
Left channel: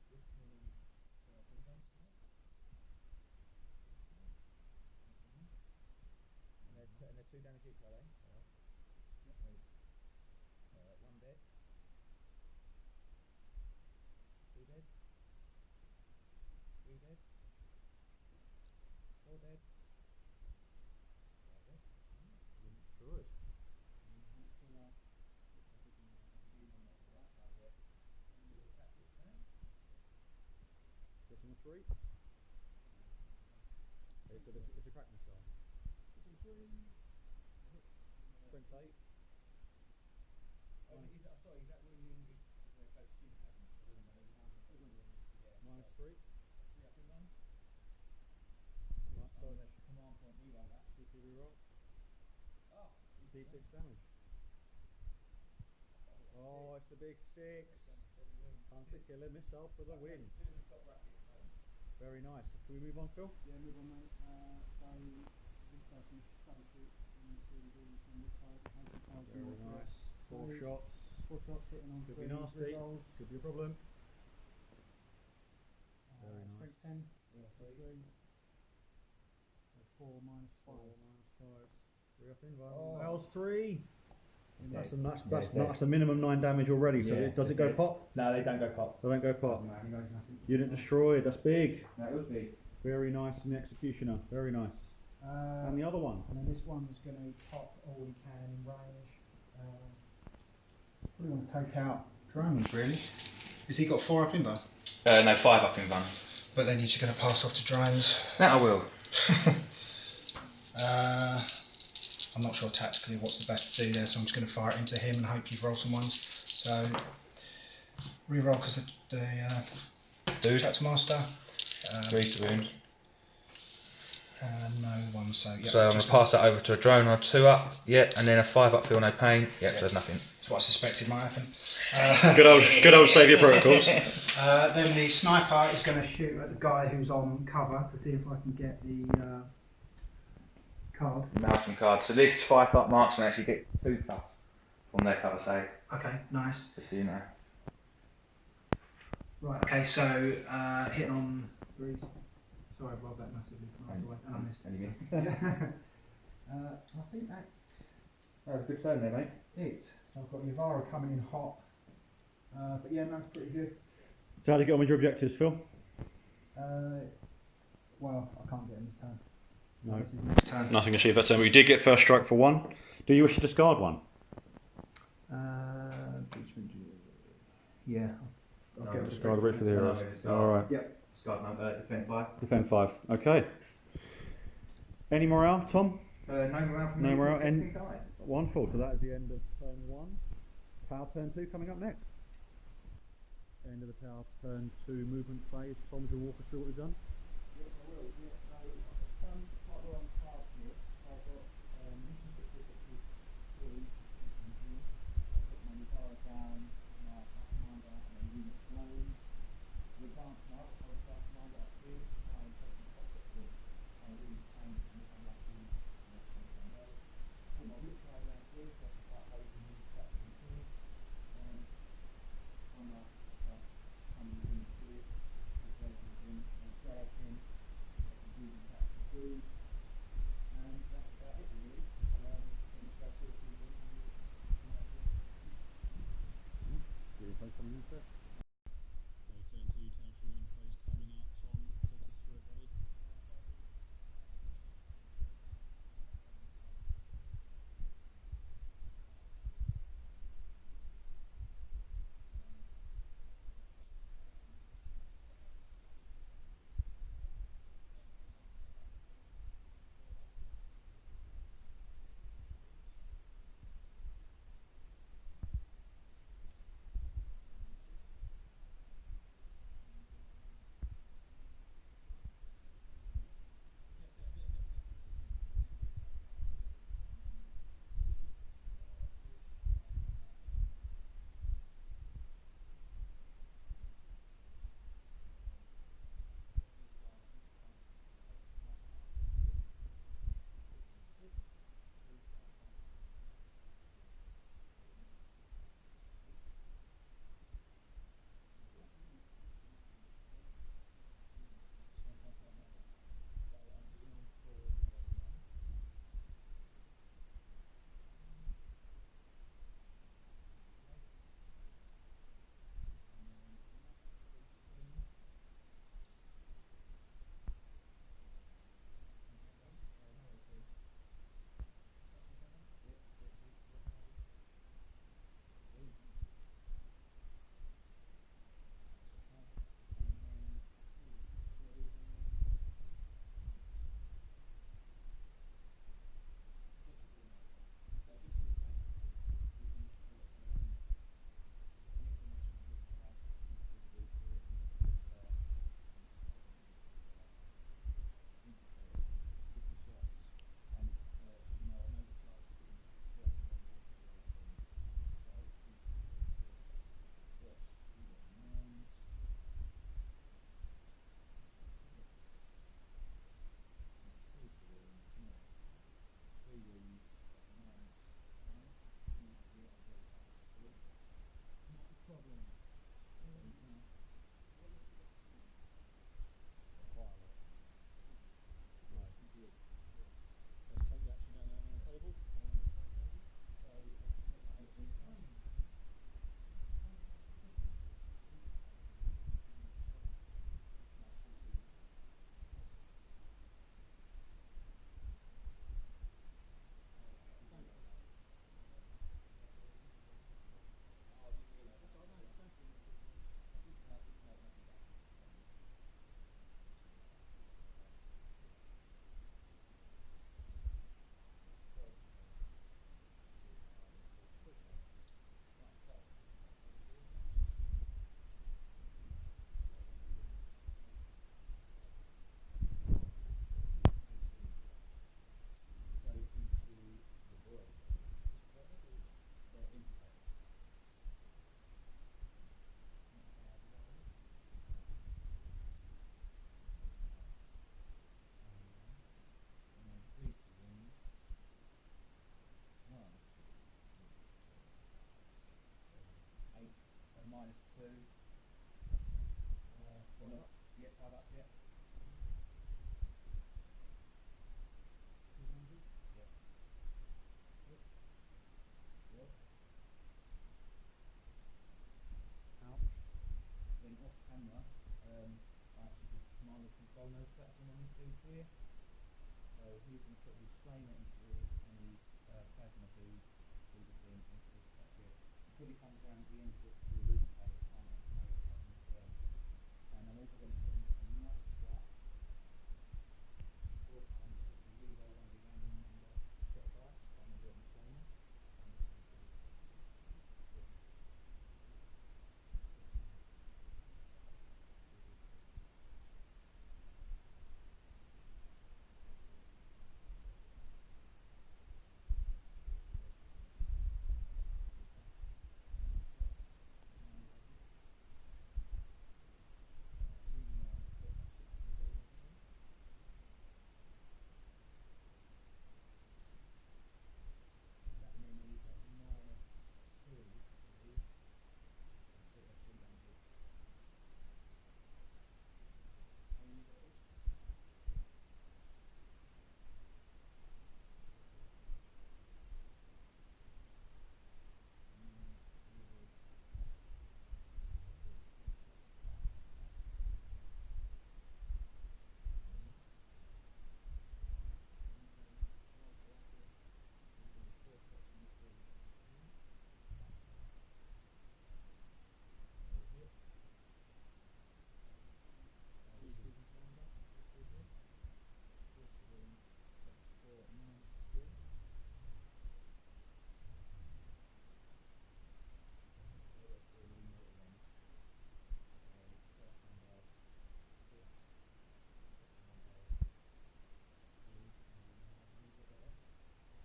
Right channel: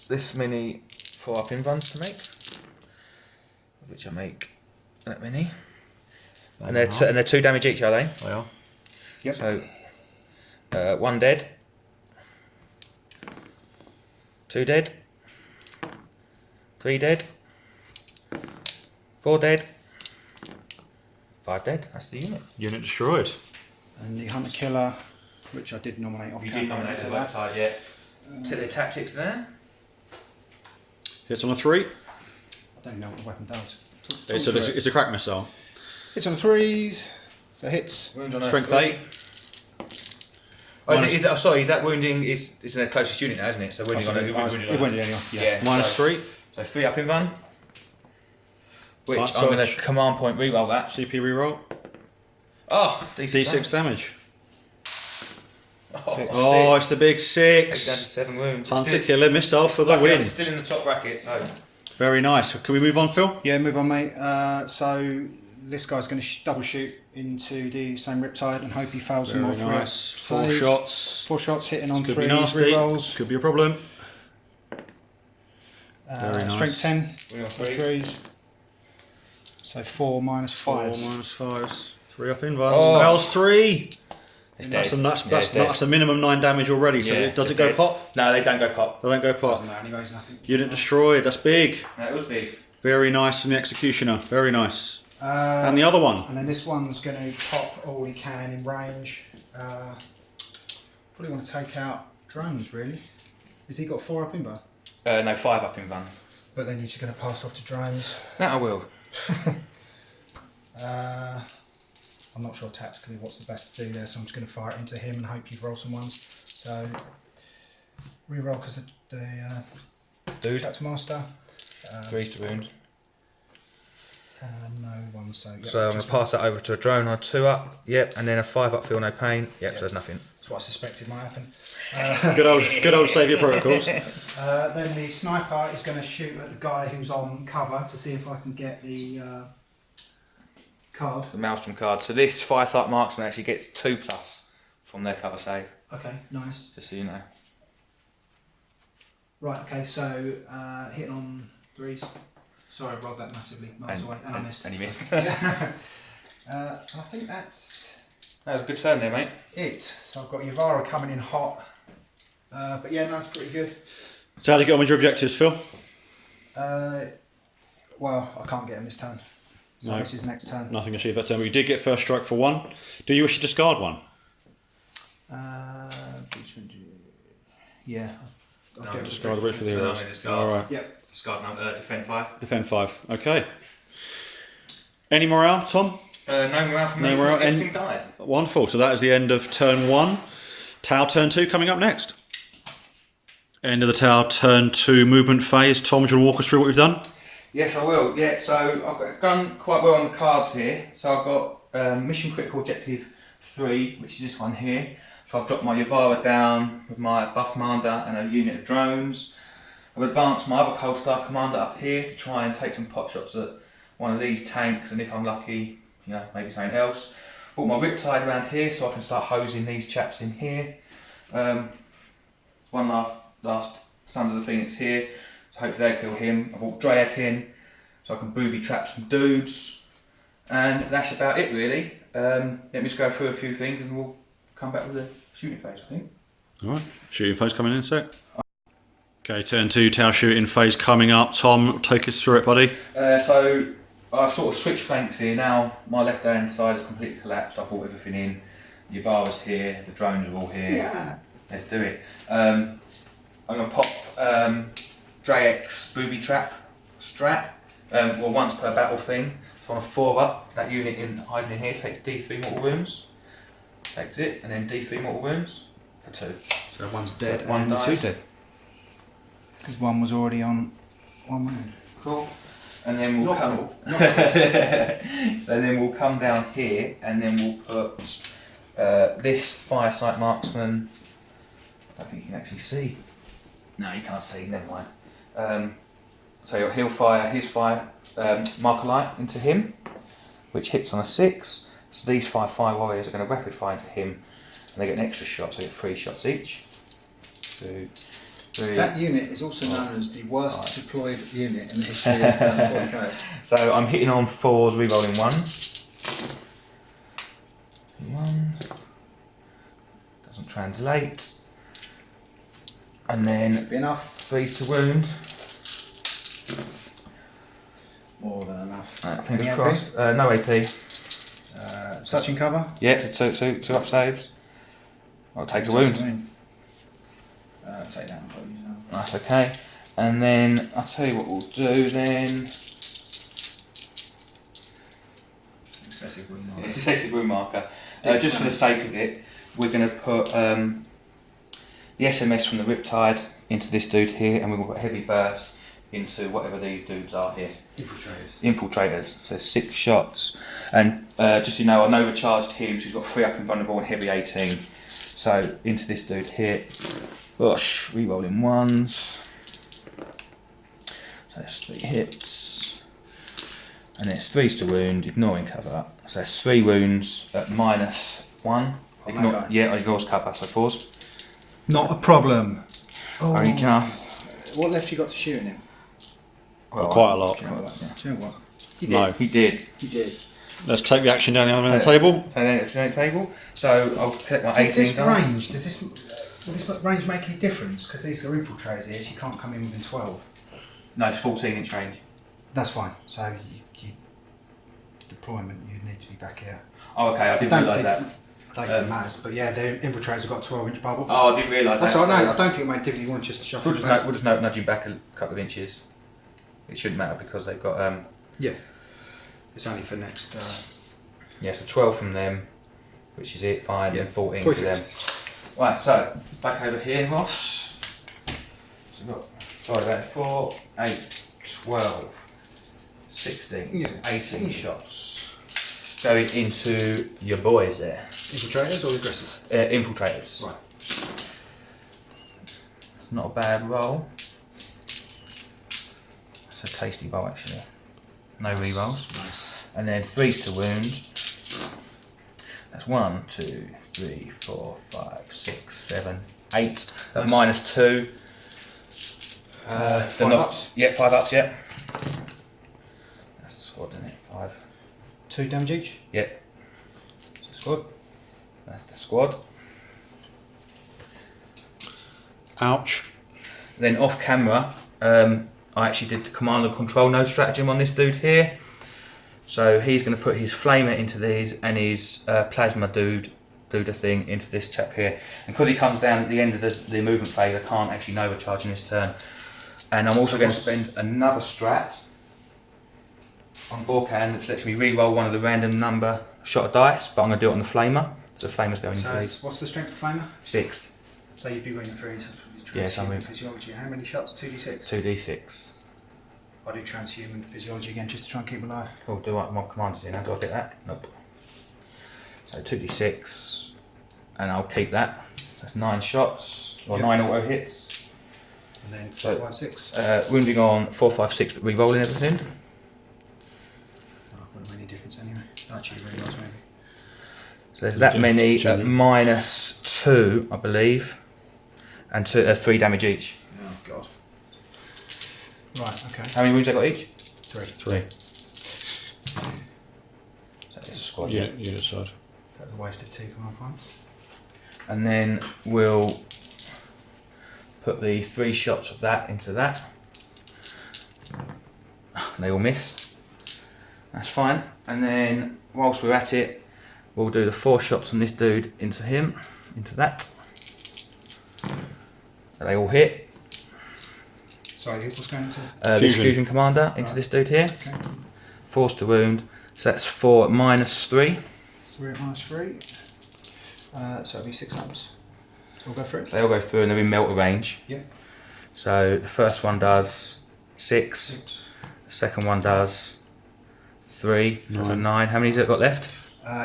this many 4-up invuns to make, which I make that many. And they're 2 damage each, are they? They are. Yep. So 1 dead, 2 dead, 3 dead, 4 dead, 5 dead. That's the unit. Unit destroyed. And the hunter killer, which I did nominate off You camera. did nominate the Riptide, yeah. Set the tactics there. Hits on a 3. I don't know what the weapon does. It's a crack missile. Hits on 3s, so hits. Wound on a Strength 3. 8. Sorry, is that wounding? It's in the closest unit now, isn't it? So wounding on It wounded anyone. Yeah. Minus 3. So 3 up in run. Which Light I'm going to surge. command point reroll that. CP reroll. Oh, D6 damage. Oh, Oh, it's the big Takes down to 6. 7 wounds. Hunter killer missile for the win. It's still in the top bracket, so. Very nice. Can we move on, Phil? Yeah, move on, mate. So this guy's going to double shoot into the same Riptide and hope he fails some more Very nice. 4 saves. shots. 4 shots hitting on Could 3 be nasty. rerolls. Could be a problem. Very nice. Strength 10 Wound on for 3s. 3s. So 4 minus 5s. 4 minus 5s. 3 up in run. Oh. Fails 3. It's That's dead. that's a minimum 9 damage already. So Yeah, does it's it go dead. pop? No, they don't go pop. They don't go pop. Doesn't matter anyways, nothing. Unit destroyed. That's big. No, it was big. Very nice from the executioner. Very nice. And And the other one. then this one's going to pop all he can in range. Probably want to take out drones, really. Has he got 4 up in bar? No, 5 up in run. But then you're just going to pass off to drones. That I will. I'm not sure tactically what's the best to do there, so I'm just going to fire it into him and hope you roll some ones. So, re-roll because the Dude. chapter master. 3 to wound. No one, so yep, So I'm going just to pass that over to a drone on 2 up. Yep, and then a 5 up, feel no pain. Yep, so there's nothing. That's what I suspected might happen. Good old saviour protocols. Then the sniper is going to shoot at the guy who's on cover to see if I can get the card. The Maelstrom card. So this Firesight marksman actually gets 2+ from their cover save, Okay, nice. just so you know. Right, okay, so hitting on 3s. Sorry, I rolled that massively miles away, and I missed. And you missed. I think that's That was a good turn there, mate. it. So I've got Yavara coming in hot. But yeah, no, that's pretty good. So how do you get on with your objectives, Phil? Well, I can't get him this turn. So No. this is next turn. Nothing achieved that turn. We did get first strike for 1. Do you wish to discard 1? Yeah. I'll No, get Discard the wait for the No, heroes. no, discard. All right. Yep. Discard number, defend 5. Defend 5. Okay. Any morale, Tom? No morale from No me. morale, Everything died. Wonderful. So that is the end of turn 1. Tau turn 2 coming up next. End of the Tau turn 2 movement phase. Tom, do you want to walk us through what we've done? Yes, I will. Yeah, so I've done quite well on the cards here. So I've got mission critical objective 3, which is this one here. So I've dropped my Yavara down with my buff commander and a unit of drones. I've advanced my other Cold Star commander up here to try and take some pot shots at one of these tanks, and if I'm lucky, you know, maybe something else. Brought my Riptide around here so I can start hosing these chaps in here. One last Sons of the Phoenix here, so hopefully they kill him. I brought Drake in so I can booby trap some dudes, and that's about it really. Let me just go through a few things and we'll come back with the shooting phase, I think. Alright, shooting phase coming in a sec. Okay, turn 2, Tau shooting phase coming up. Tom, take us through it, buddy. So I've sort of switched flanks here now. My left hand side has completely collapsed. I brought everything in. Yavara's here, the drones are all here. Yeah. Let's do it. I'm going to pop Drake's booby trap strap. Well, once per battle thing. So on a 4 up, that unit hiding in here takes D3 mortal wounds. Takes it, and then D3 mortal wounds for 2. So one's dead One and dies. 2 dead. Because one was already on 1 wound. Cool. And then we'll Not come. cool. So then we'll come down here, and then we'll put this Firesight marksman. I don't think you can actually see. No, you can't see. Never mind. So he'll fire his marker light into him, which hits on a 6. So these 5 fire warriors are going to rapid fire into him, and they get an extra shot. So they get 3 shots each. 2, 3. That unit is also known as the worst deployed unit in the history of 40k. So I'm hitting on 4s, re-rolling 1s. 1. Doesn't translate. And then Should be enough. 3s to wound. More than enough. Fingers Any AP? crossed. No AP. touching cover? Yeah, two up saves. I'll take the wound. Take that. That's okay. And then I'll tell you what we'll do then. Excessive wound marker. It's excessive wound marker. Just for the sake of it, we're going to put the SMS from the Riptide into this dude here, and we'll put heavy burst into whatever these dudes are here. Infiltrators. So 6 shots. And just so you know, I've overcharged him, so he's got 3 up and vulnerable and heavy 18. So into this dude here. Gosh, re-rolling 1s. So that's 3 hits. And it's 3s to wound, ignoring cover. So that's 3 wounds at -1. Yeah, ignores cover, so 4s. Not a problem. Oh. Only just. What left you got to shooting him? Well, quite a lot. Do you know what? He did. No. He did. He did. Let's take the action down the table. So then it's on the table. So I'll collect my 18 This dice. range, will this range make any difference? Because these are infiltrators here, so you can't come in within 12. No, it's 14-inch range. That's fine. So deployment, you need to be back here. Oh, okay, I didn't realise that. I don't think it matters, but yeah, the infiltrators have got a 12-inch bubble. Oh, I didn't realise that. That's all right, no, I don't think it made difference. You want to just shuffle We'll back. just nudge him back a couple of inches. It shouldn't matter because they've got Yeah. It's only for next. Yeah, so 12 from them, which is it, fine, Yeah. and 14 Perfect. to them. Right, so back over here, Ross. So we've got, sorry about it, 4, 8, 12, 16, Yeah. 18 shots. Going into your boys there. Infiltrators or aggressors? Infiltrators. Right. It's not a bad roll. It's a tasty roll actually. No re-rolls. Nice. And then 3s to wound. That's 1, 2, 3, 4, 5, 6, 7, 8. At -2. 5 ups? Yeah, 5 ups, yeah. That's the squad, isn't it? 5. 2 damage each? Yep. That's the squad. That's the squad. Ouch. Then off camera, I actually did the command and control node stratagem on this dude here. So he's going to put his flamer into these and his plasma dude thing into this chap here. And because he comes down at the end of the movement phase, I can't actually nova charge in this turn. And I'm also going to spend another strat on Borkan that lets me re-roll one of the random number shot of dice, but I'm going to do it on the flamer. So the flamer's going into these. What's the strength of flamer? 6. So you'd be running 3. Yeah, so I'm moving. Physiology. How many shots? 2d6? 2d6. I do transhuman physiology again just to try and keep him alive. Cool, do I, my commanders in now, do I get that? Nope. So 2d6, and I'll keep that. So that's 9 shots, or 9 auto hits. And then 4, 5, 6. Wounding on 4, 5, 6, but re-rolling everything. Wouldn't make any difference anyway. Actually, really nice maybe. So there's that many at -2, I believe, and 3 damage each. Oh god. Right, okay. How many wounds I got each? 3. 3. So it's a squad, Unit side. So that's a waste of 2 command points. And then we'll put the 3 shots of that into that. They all miss. That's fine. And then whilst we're at it, we'll do the 4 shots on this dude into him, into that. They all hit. Sorry, what's going to? This fusion commander into this dude here. Okay. 4s to wound. So that's 4 at -3. 3 at -3. So it'll be 6 ups. So we'll go through it. They all go through and they're in melter range. Yeah. So the first one does 6. The second one does 3. So that's a 9. How many's it got left?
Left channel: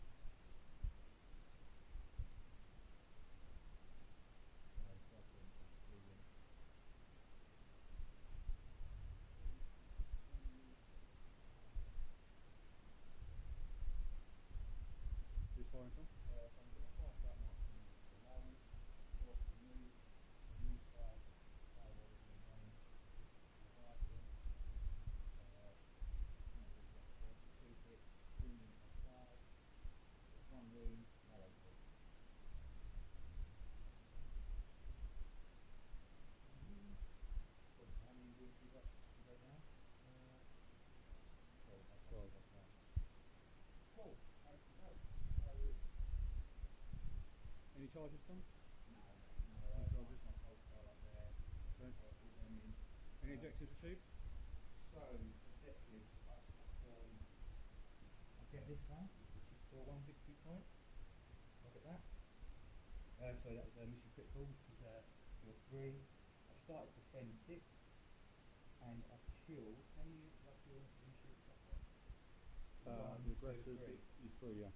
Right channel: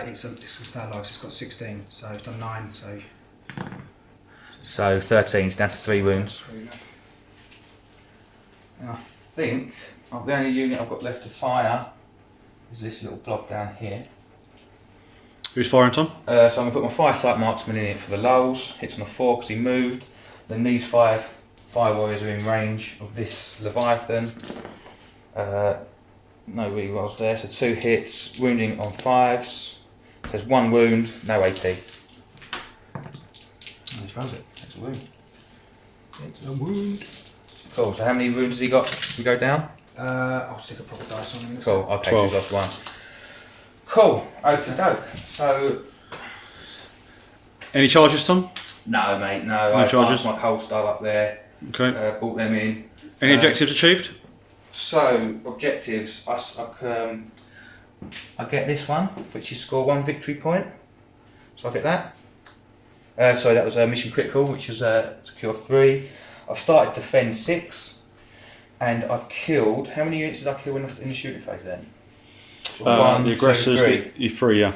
It's still alive, so it's got 16. So it's done 9. So 13. It's down to 3 wounds. And I think the only unit I've got left to fire is this little blob down here. Who's firing, Tom? So I'm going to put my firesight marksman in it for the lulls. Hits on a 4 because he moved. Then these 5 fire warriors are in range of this Leviathan. No rerolls there, so 2 hits, wounding on 5s. There's 1 wound, no AP. He failed it. That's a wound. It's a wound. Cool, so how many wounds has he got? We go down? I'll stick a proper dice on him. Cool, okay, so he's lost 1. Cool. Okie doke. So. Any charges, Tom? No, mate. No. No charges. My cold style up there. Okay. Brought them in. Any objectives achieved? So objectives. I get this one, which is score 1 victory point. So I get that. Sorry, that was a mission critical, which is secure 3. I've started defend 6, and I've killed. How many units did I kill in the shooting phase then? The aggressors, 2, 3. 3, yeah.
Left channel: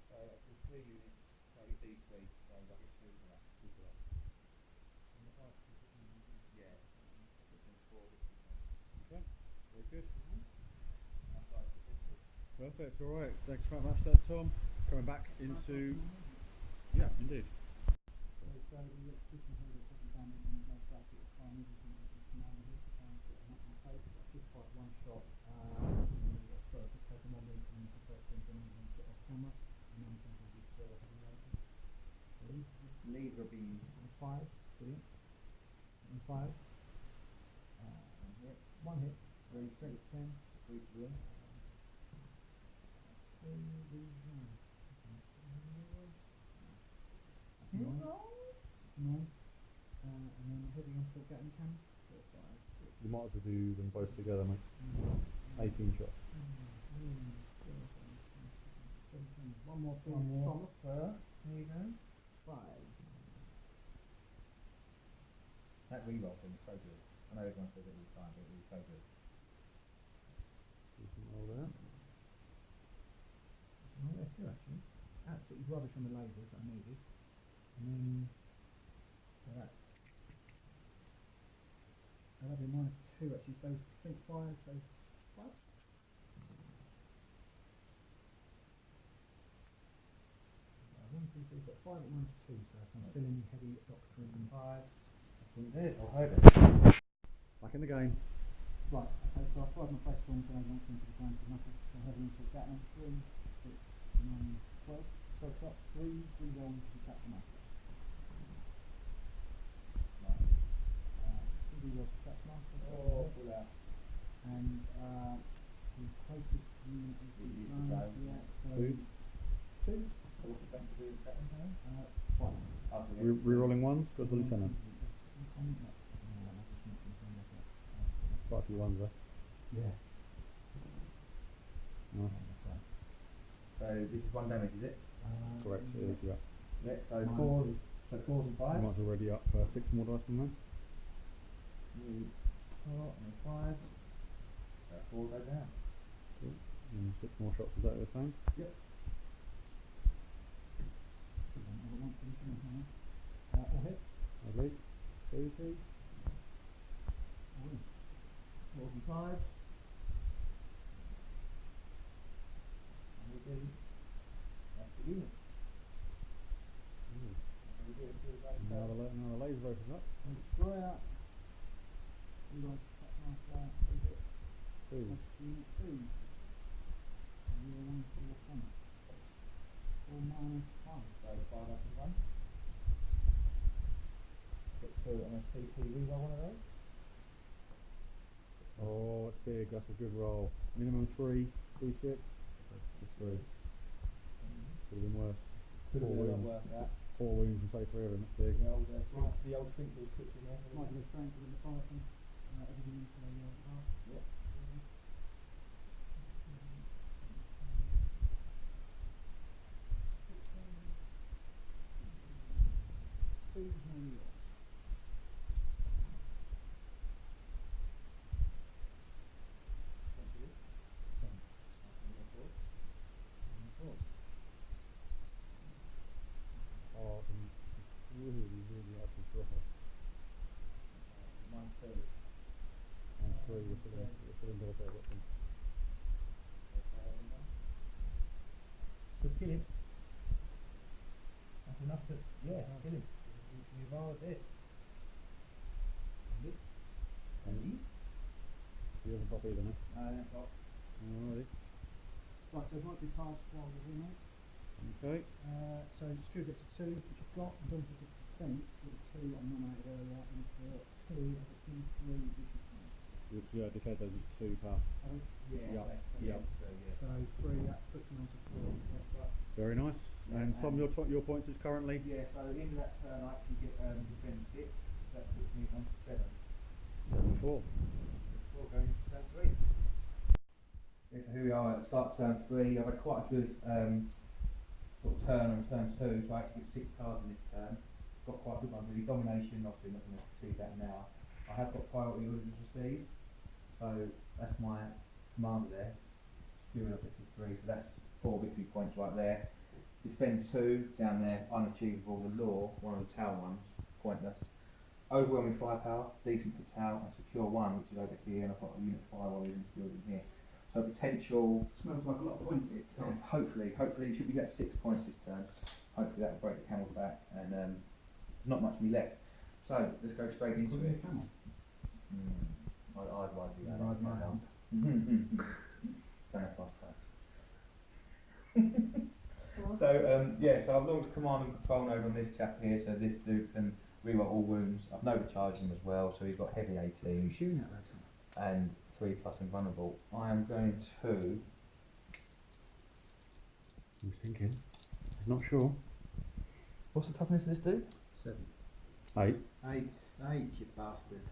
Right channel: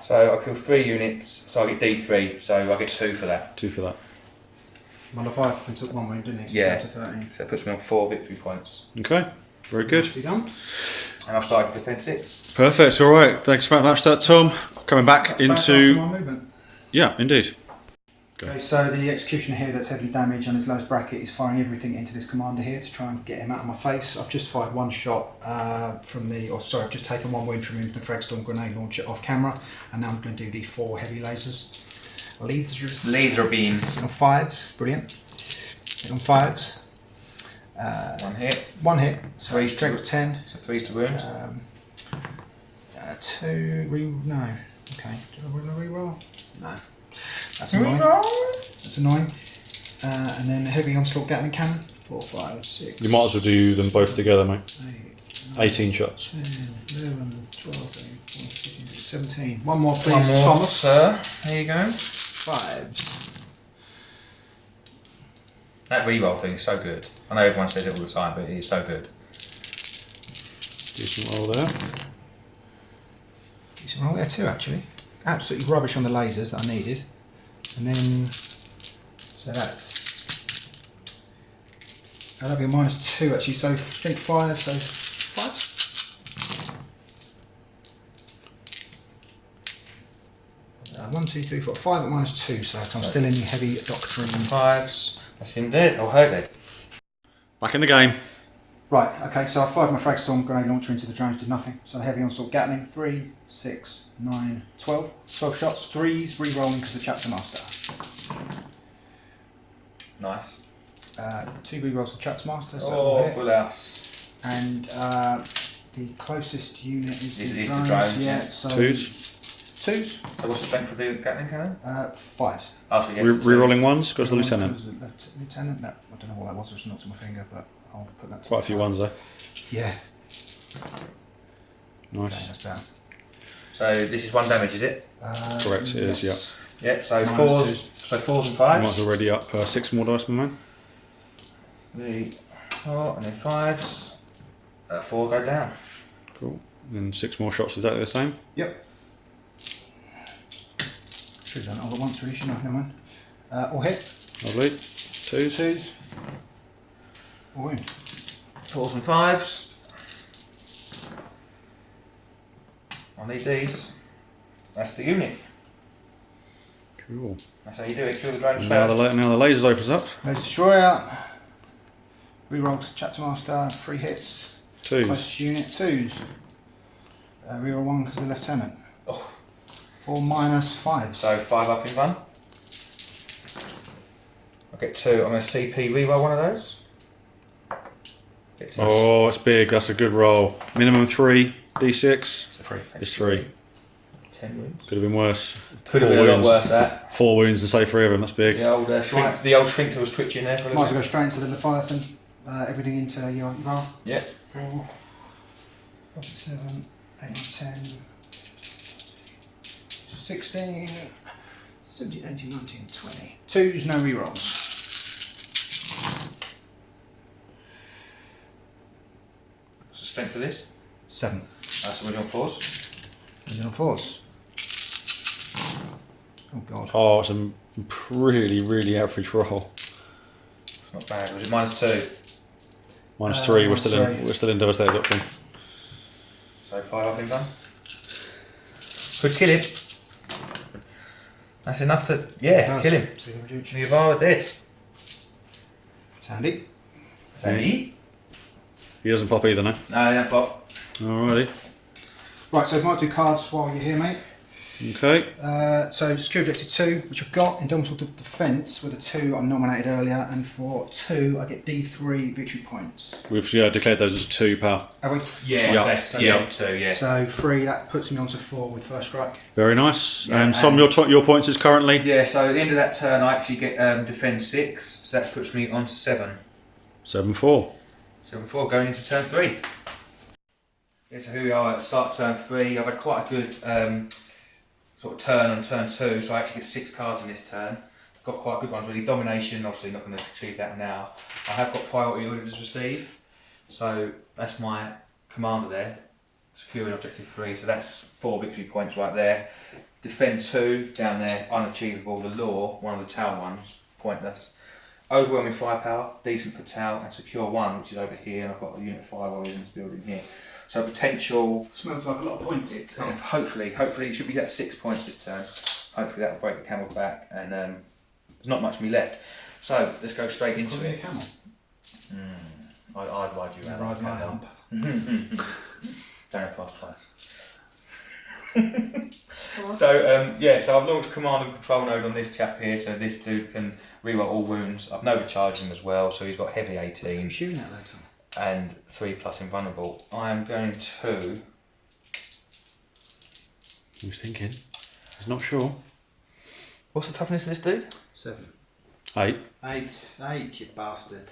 So I killed 3 units, so I get D3, so I get 2 for that. 2 for that. Well, Leviathan took 1 wound, didn't he? So Yeah. to 13. So it puts me on 4 victory points. Okay, very good. You done? And I've started defend 6. Perfect, all right. Thanks very much for that, Tom. Coming back Back into... after my movement. Yeah, indeed. Okay, so the executioner here that's heavily damaged on his lowest bracket is firing everything into this commander here to try and get him out of my face. I've just fired 1 shot I've just taken 1 wound from him with the Fragstorm grenade launcher off camera, and now I'm going to do these 4 heavy lasers. Laser beams. On 5s, brilliant. Hit on 5s. 1 hit. 1 hit, so 3 strength 10. So 3's to wound. 2, no. Okay, do I want to reroll? No. That's annoying. That's annoying. And then heavy onslaught Gatling cannon. 4, 5, 6. You might as well do them both together, mate. 8, 18 shots. 10, 11, 12, 13, 14, 15, 17. 1 more, please, One more, Thomas. sir. There you go. 5s. That reroll thing is so good. I know everyone says it all the time, but it is so good. Decent roll there. Decent roll there too, actually. Absolutely rubbish on the lasers that I needed. And then, so that'll be a -2 actually, so strength 5, so 5s. 1, 2, 3, 4, 5 at -2, so I'm still in the heavy doctrine. 5s. That's him dead, or her dead. Back in the game. Right, okay, so I fired my Fragstorm grenade launcher into the drones, did nothing. So the heavy onslaught Gatling, 3, 6, 9, 12. 12 shots, 3s, re-rolling because of the Chapter Master. Nice. 2 re-rolls to Chapter Master, so Oh, full house. and the closest unit is the drones, drones, yeah. so 2s. 2s, So what's the strength for the Gatling cannon? 5s. Oh, so yes, Re-rolling 1s, goes the lieutenant. Lieutenant? No, I don't know what that was, I just knocked on my finger, but I'll put that to Quite a few 1s there. Yeah. Okay, Nice. that's better. So this is 1 damage, is it? Correct, it is, yeah. Yeah, so Minus 4s. 2s. So 4s and You might 5s. already up 6 more dice, my man. 3, 4, and then 5s. 4 go down. Cool. And 6 more shots, exactly the same. Yep. Should have done it all at once, really, shouldn't I? Never mind. All hit. Lovely. 2s. 2s. All wound. 4s and 5s. I need these. That's the unit. Cool. That's how you do it. Kill the drones Now first. the lasers opens up. Laser Destroyer. Rerolls Chapter Master. 3 hits. 2s. Closest unit. 2s. Reroll 1 because of the Lieutenant. Oh. 4 -5s. So 5 up in 1. I'll get 2. I'm going to CP reroll one of those. Get 2. Oh, it's big. That's a good roll. Minimum 3. D6. It's a 3. It's 3. 10 wounds. Could have been worse. Could have 4 been a lot wounds. worse that. 4 wounds and say 3 of them. That's big. The old sphincter was twitching there for a Might little as well bit. go straight into the Leviathan. Everything into your roll. Yep. 4, 5, 7, 8, 10, 16, 17, 18, 19, 20. 2s, no rerolls. What's the strength of this? 7. That's original 4s. Original 4s. Oh god. Oh, it's a really, really average roll. Not bad. Was it -2? -3. We're still -3. in. We're still in devastated doctrine. So 5 up in 1. Could kill him. That's enough to, yeah, kill him. The Yavara dead. It's handy. Sandy? He doesn't pop either, no. No, that pop. Alrighty. Right, so might do cards while you're here, mate. Okay. So secure objective 2, which I've got, Indomitable Defence with a 2 I nominated earlier, and for 2 I get D3 victory points. We've declared those as 2, pal. Have we? Yeah, So yeah, 2, yeah. So 3, that puts me on to 4 with first strike. Very nice. Yeah, and Tom, your points is currently? Yeah, so at the end of that turn I actually get defend 6, so that puts me on to 7. 7-4. 7-4 going into turn 3. Yeah, so here we are at start turn 3. I've had quite a good sort of turn on turn 2, so I actually get 6 cards in this turn. Got quite good ones really. Domination, obviously not going to achieve that now. I have got priority orders received, so that's my commander there, securing objective 3, so that's 4 victory points right there. Defend 2 down there, unachievable. The law, one of the town ones, pointless. Overwhelming firepower, decent for town, and secure 1, which is over here, and I've got a unit 5 warriors in this building here. So potential. Smells like a lot of points. Hopefully it should be at 6 points this turn. Hopefully that will break the camel's back, and there's not much of me left. So let's go straight into it. A camel. I'd ride you around. Ride my hump. Don't fast twice. So so I've launched command and control node on this chap here, so this dude can reroll all wounds. I've overcharged him as well, so he's got heavy 18. Who's shooting at that time? And 3+ invulnerable. I am going to. Who's thinking? He's not sure. What's the toughness of this dude? 7. 8. 8, you bastard.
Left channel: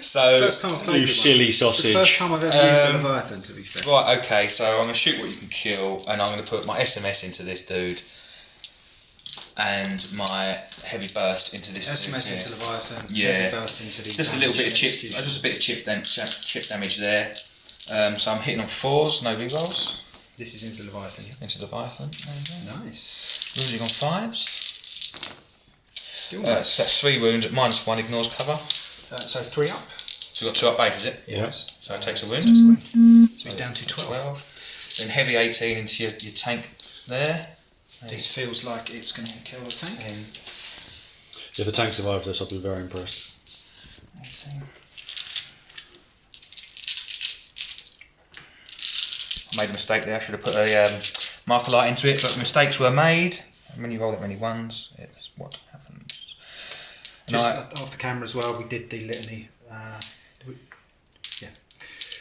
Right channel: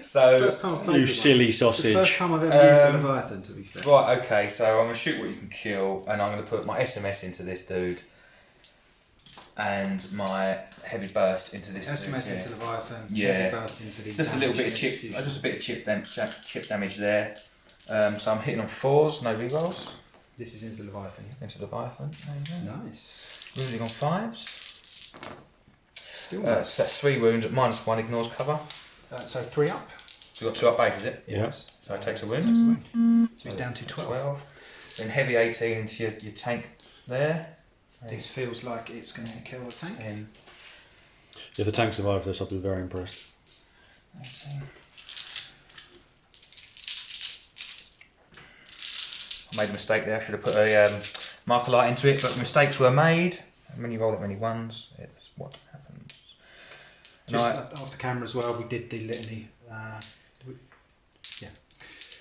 So First time I've played You with silly one. sausage. It's the first time I've ever used a Leviathan, to be fair. right, okay. So I'm going to shoot what you can kill, and I'm going to put my SMS into this dude, and my heavy burst into this. SMS dude into here. Leviathan, Yeah. heavy burst into the Just a little bit of chip. execution. Just a bit of chip damage there. So I'm hitting on 4s, no rerolls. This is into Leviathan, yeah? Into Leviathan. Nice. Wounding on 5s. Still So nice. that's 3 wounds at -1, ignores cover. So 3 up. So you've got 2 up base, is it? Yes. So it takes a wound. Takes a wound. So he's down to 12. Then heavy 18 into your tank there. This feels like it's going to kill the tank. And If the tank survives this, I'll be very impressed. 18. I made a mistake there. I should have put a marker light into it, but mistakes were made. And when you roll that many ones, it's what happens. And Just I- off the camera as well, we did the litany.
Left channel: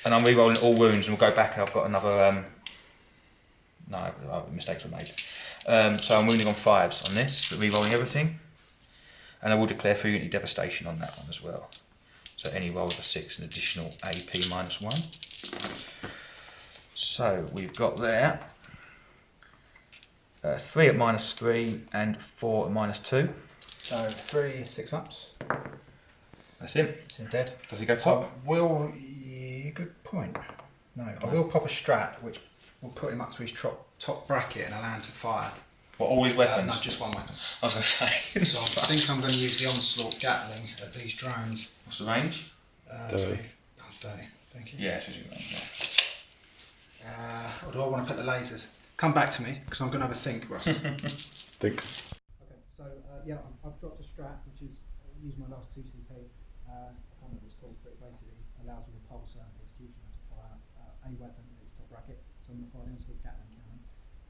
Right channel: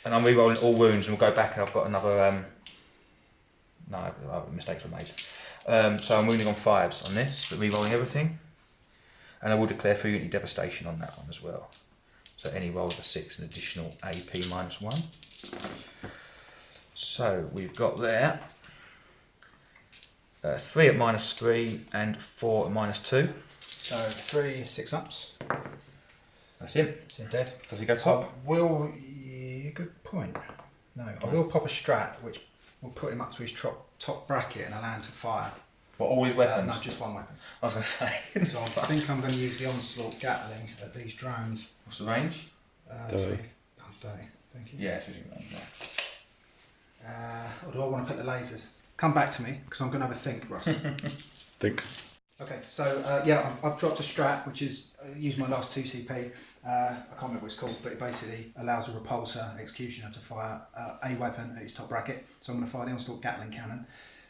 And I'm re-rolling all wounds, and we'll go back and I've got another, mistakes were made. So I'm wounding on 5s on this, but re-rolling everything. And I will declare for unity devastation on that one as well. So any roll of a 6, an additional AP -1. So we've got there 3 at -3 and 4 at -2. So 3 6-ups. That's him. It's him dead. Does he go I top? will. Good point. No, I will pop a strat, which will put him up to his top bracket and allow him to fire. What, all his weapons? No, just one weapon. I was going to say. So I think I'm going to use the Onslaught Gatling at these drones. What's the range? 30. Oh, 30. Thank you. Yeah, it's usually range, yeah. Or do I want to put the lasers? Come back to me, because I'm going to have a think, Russ. Think. Okay, so I've dropped a strat, which is use my last 2 CP. I can't remember what it's called, but it basically allows a repulsor executioner to fire a weapon at his top bracket. So I'm going to fire the Onslaught Gatling cannon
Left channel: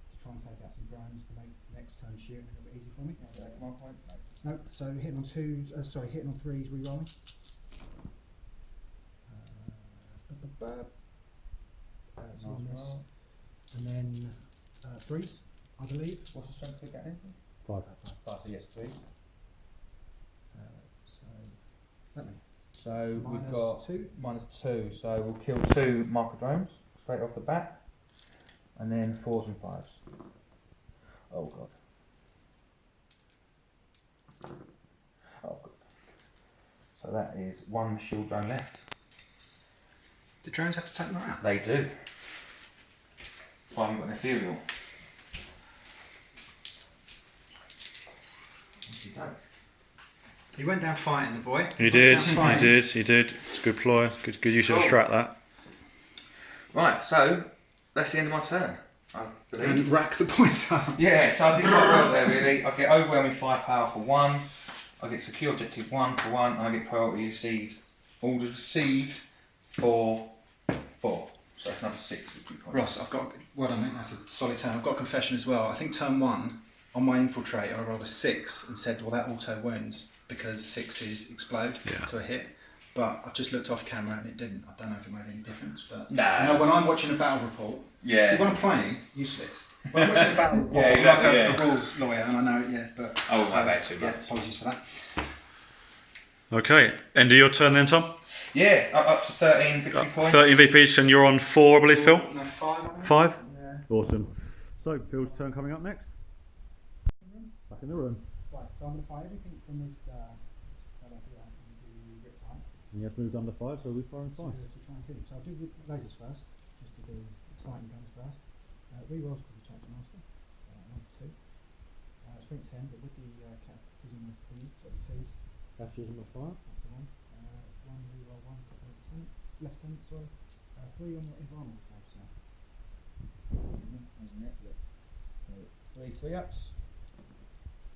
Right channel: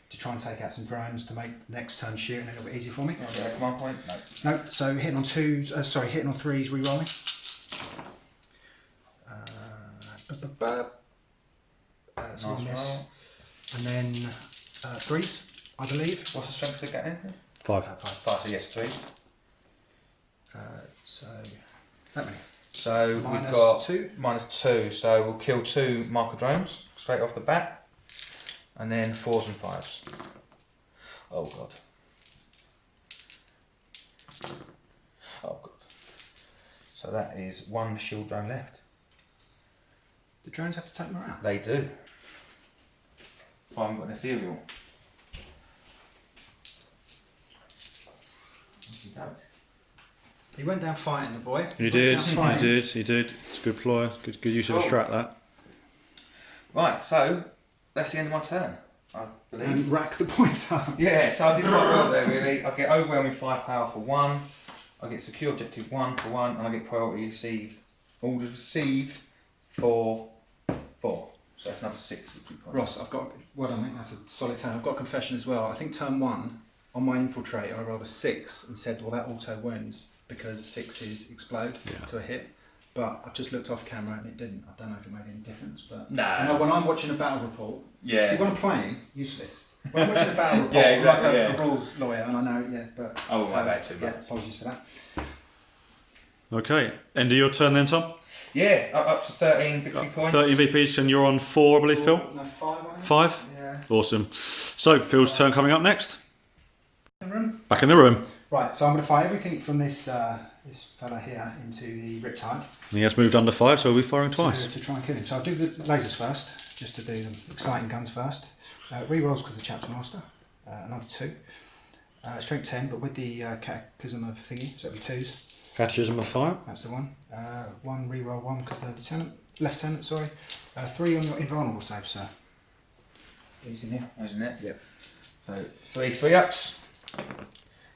to try and take out some drones to make the next turn shooting a little bit easier for me. Okay, command point? No. No, so hitting on 2s, hitting on 3s, re-rolling. So Nice miss. roll. And then 3s, I believe. What's the strength of the Gatling? 5. 5, so yes, 3. So that many. So we've Minus got 2. -2, so we'll kill 2 marker drones straight off the bat, and then 4s and 5s. Oh god. Oh god. So that is 1 shield drone left. Do drones have to take them out? They do. So I haven't got an ethereal. Okey-doke. He went down fighting, the boy. He did. It's a good ploy. Good use of a strat, that. Right, so that's the end of my turn, I believe. And rack the points up. Yeah, so I did quite well there really. I get overwhelming firepower for 1, I get secure objective 1 for 1, and I get priority received, orders received for 4. So that's another 6 victory points. Ross, I've got, well done, mate, that's a solid turn. I've got a confession as well. I think turn 1, on my infiltrator, I rolled a 6 and said, well, that auto wounds because 6s explode to a hit. But I've just looked off camera and it didn't. I don't know if it made any difference. But no, when I'm watching a battle report, see, when I'm playing, useless. When I'm watching a battle report, I'm like a rules lawyer, and I know, but I won't worry about it too much. Apologies for that. Okay, end of your turn then, Tom? Yeah, up to 13 victory points. 13 VPs, and you're on 4, I believe, Phil? No, 5. 5? Yeah. Awesome. So, Phil's turn coming up next. In the room? Back in the room. Right, so I'm going to fire everything from this this fella here into the Riptide. He has moved under 5, so we'll be firing twice. To try and kill him. So I'll do the lasers first, just to do the exciting guns first. Re-rolls because of the Chapter Master, another 2. Strength 10, but with the Catechism of thingy, so it'll be 2s. Catechism of Fire. That's the one. 1 re-roll 1 because the Lieutenant, sorry. 3 on your invulnerable save, sir. Using it. Isn't it? Yep. So 3 3-ups.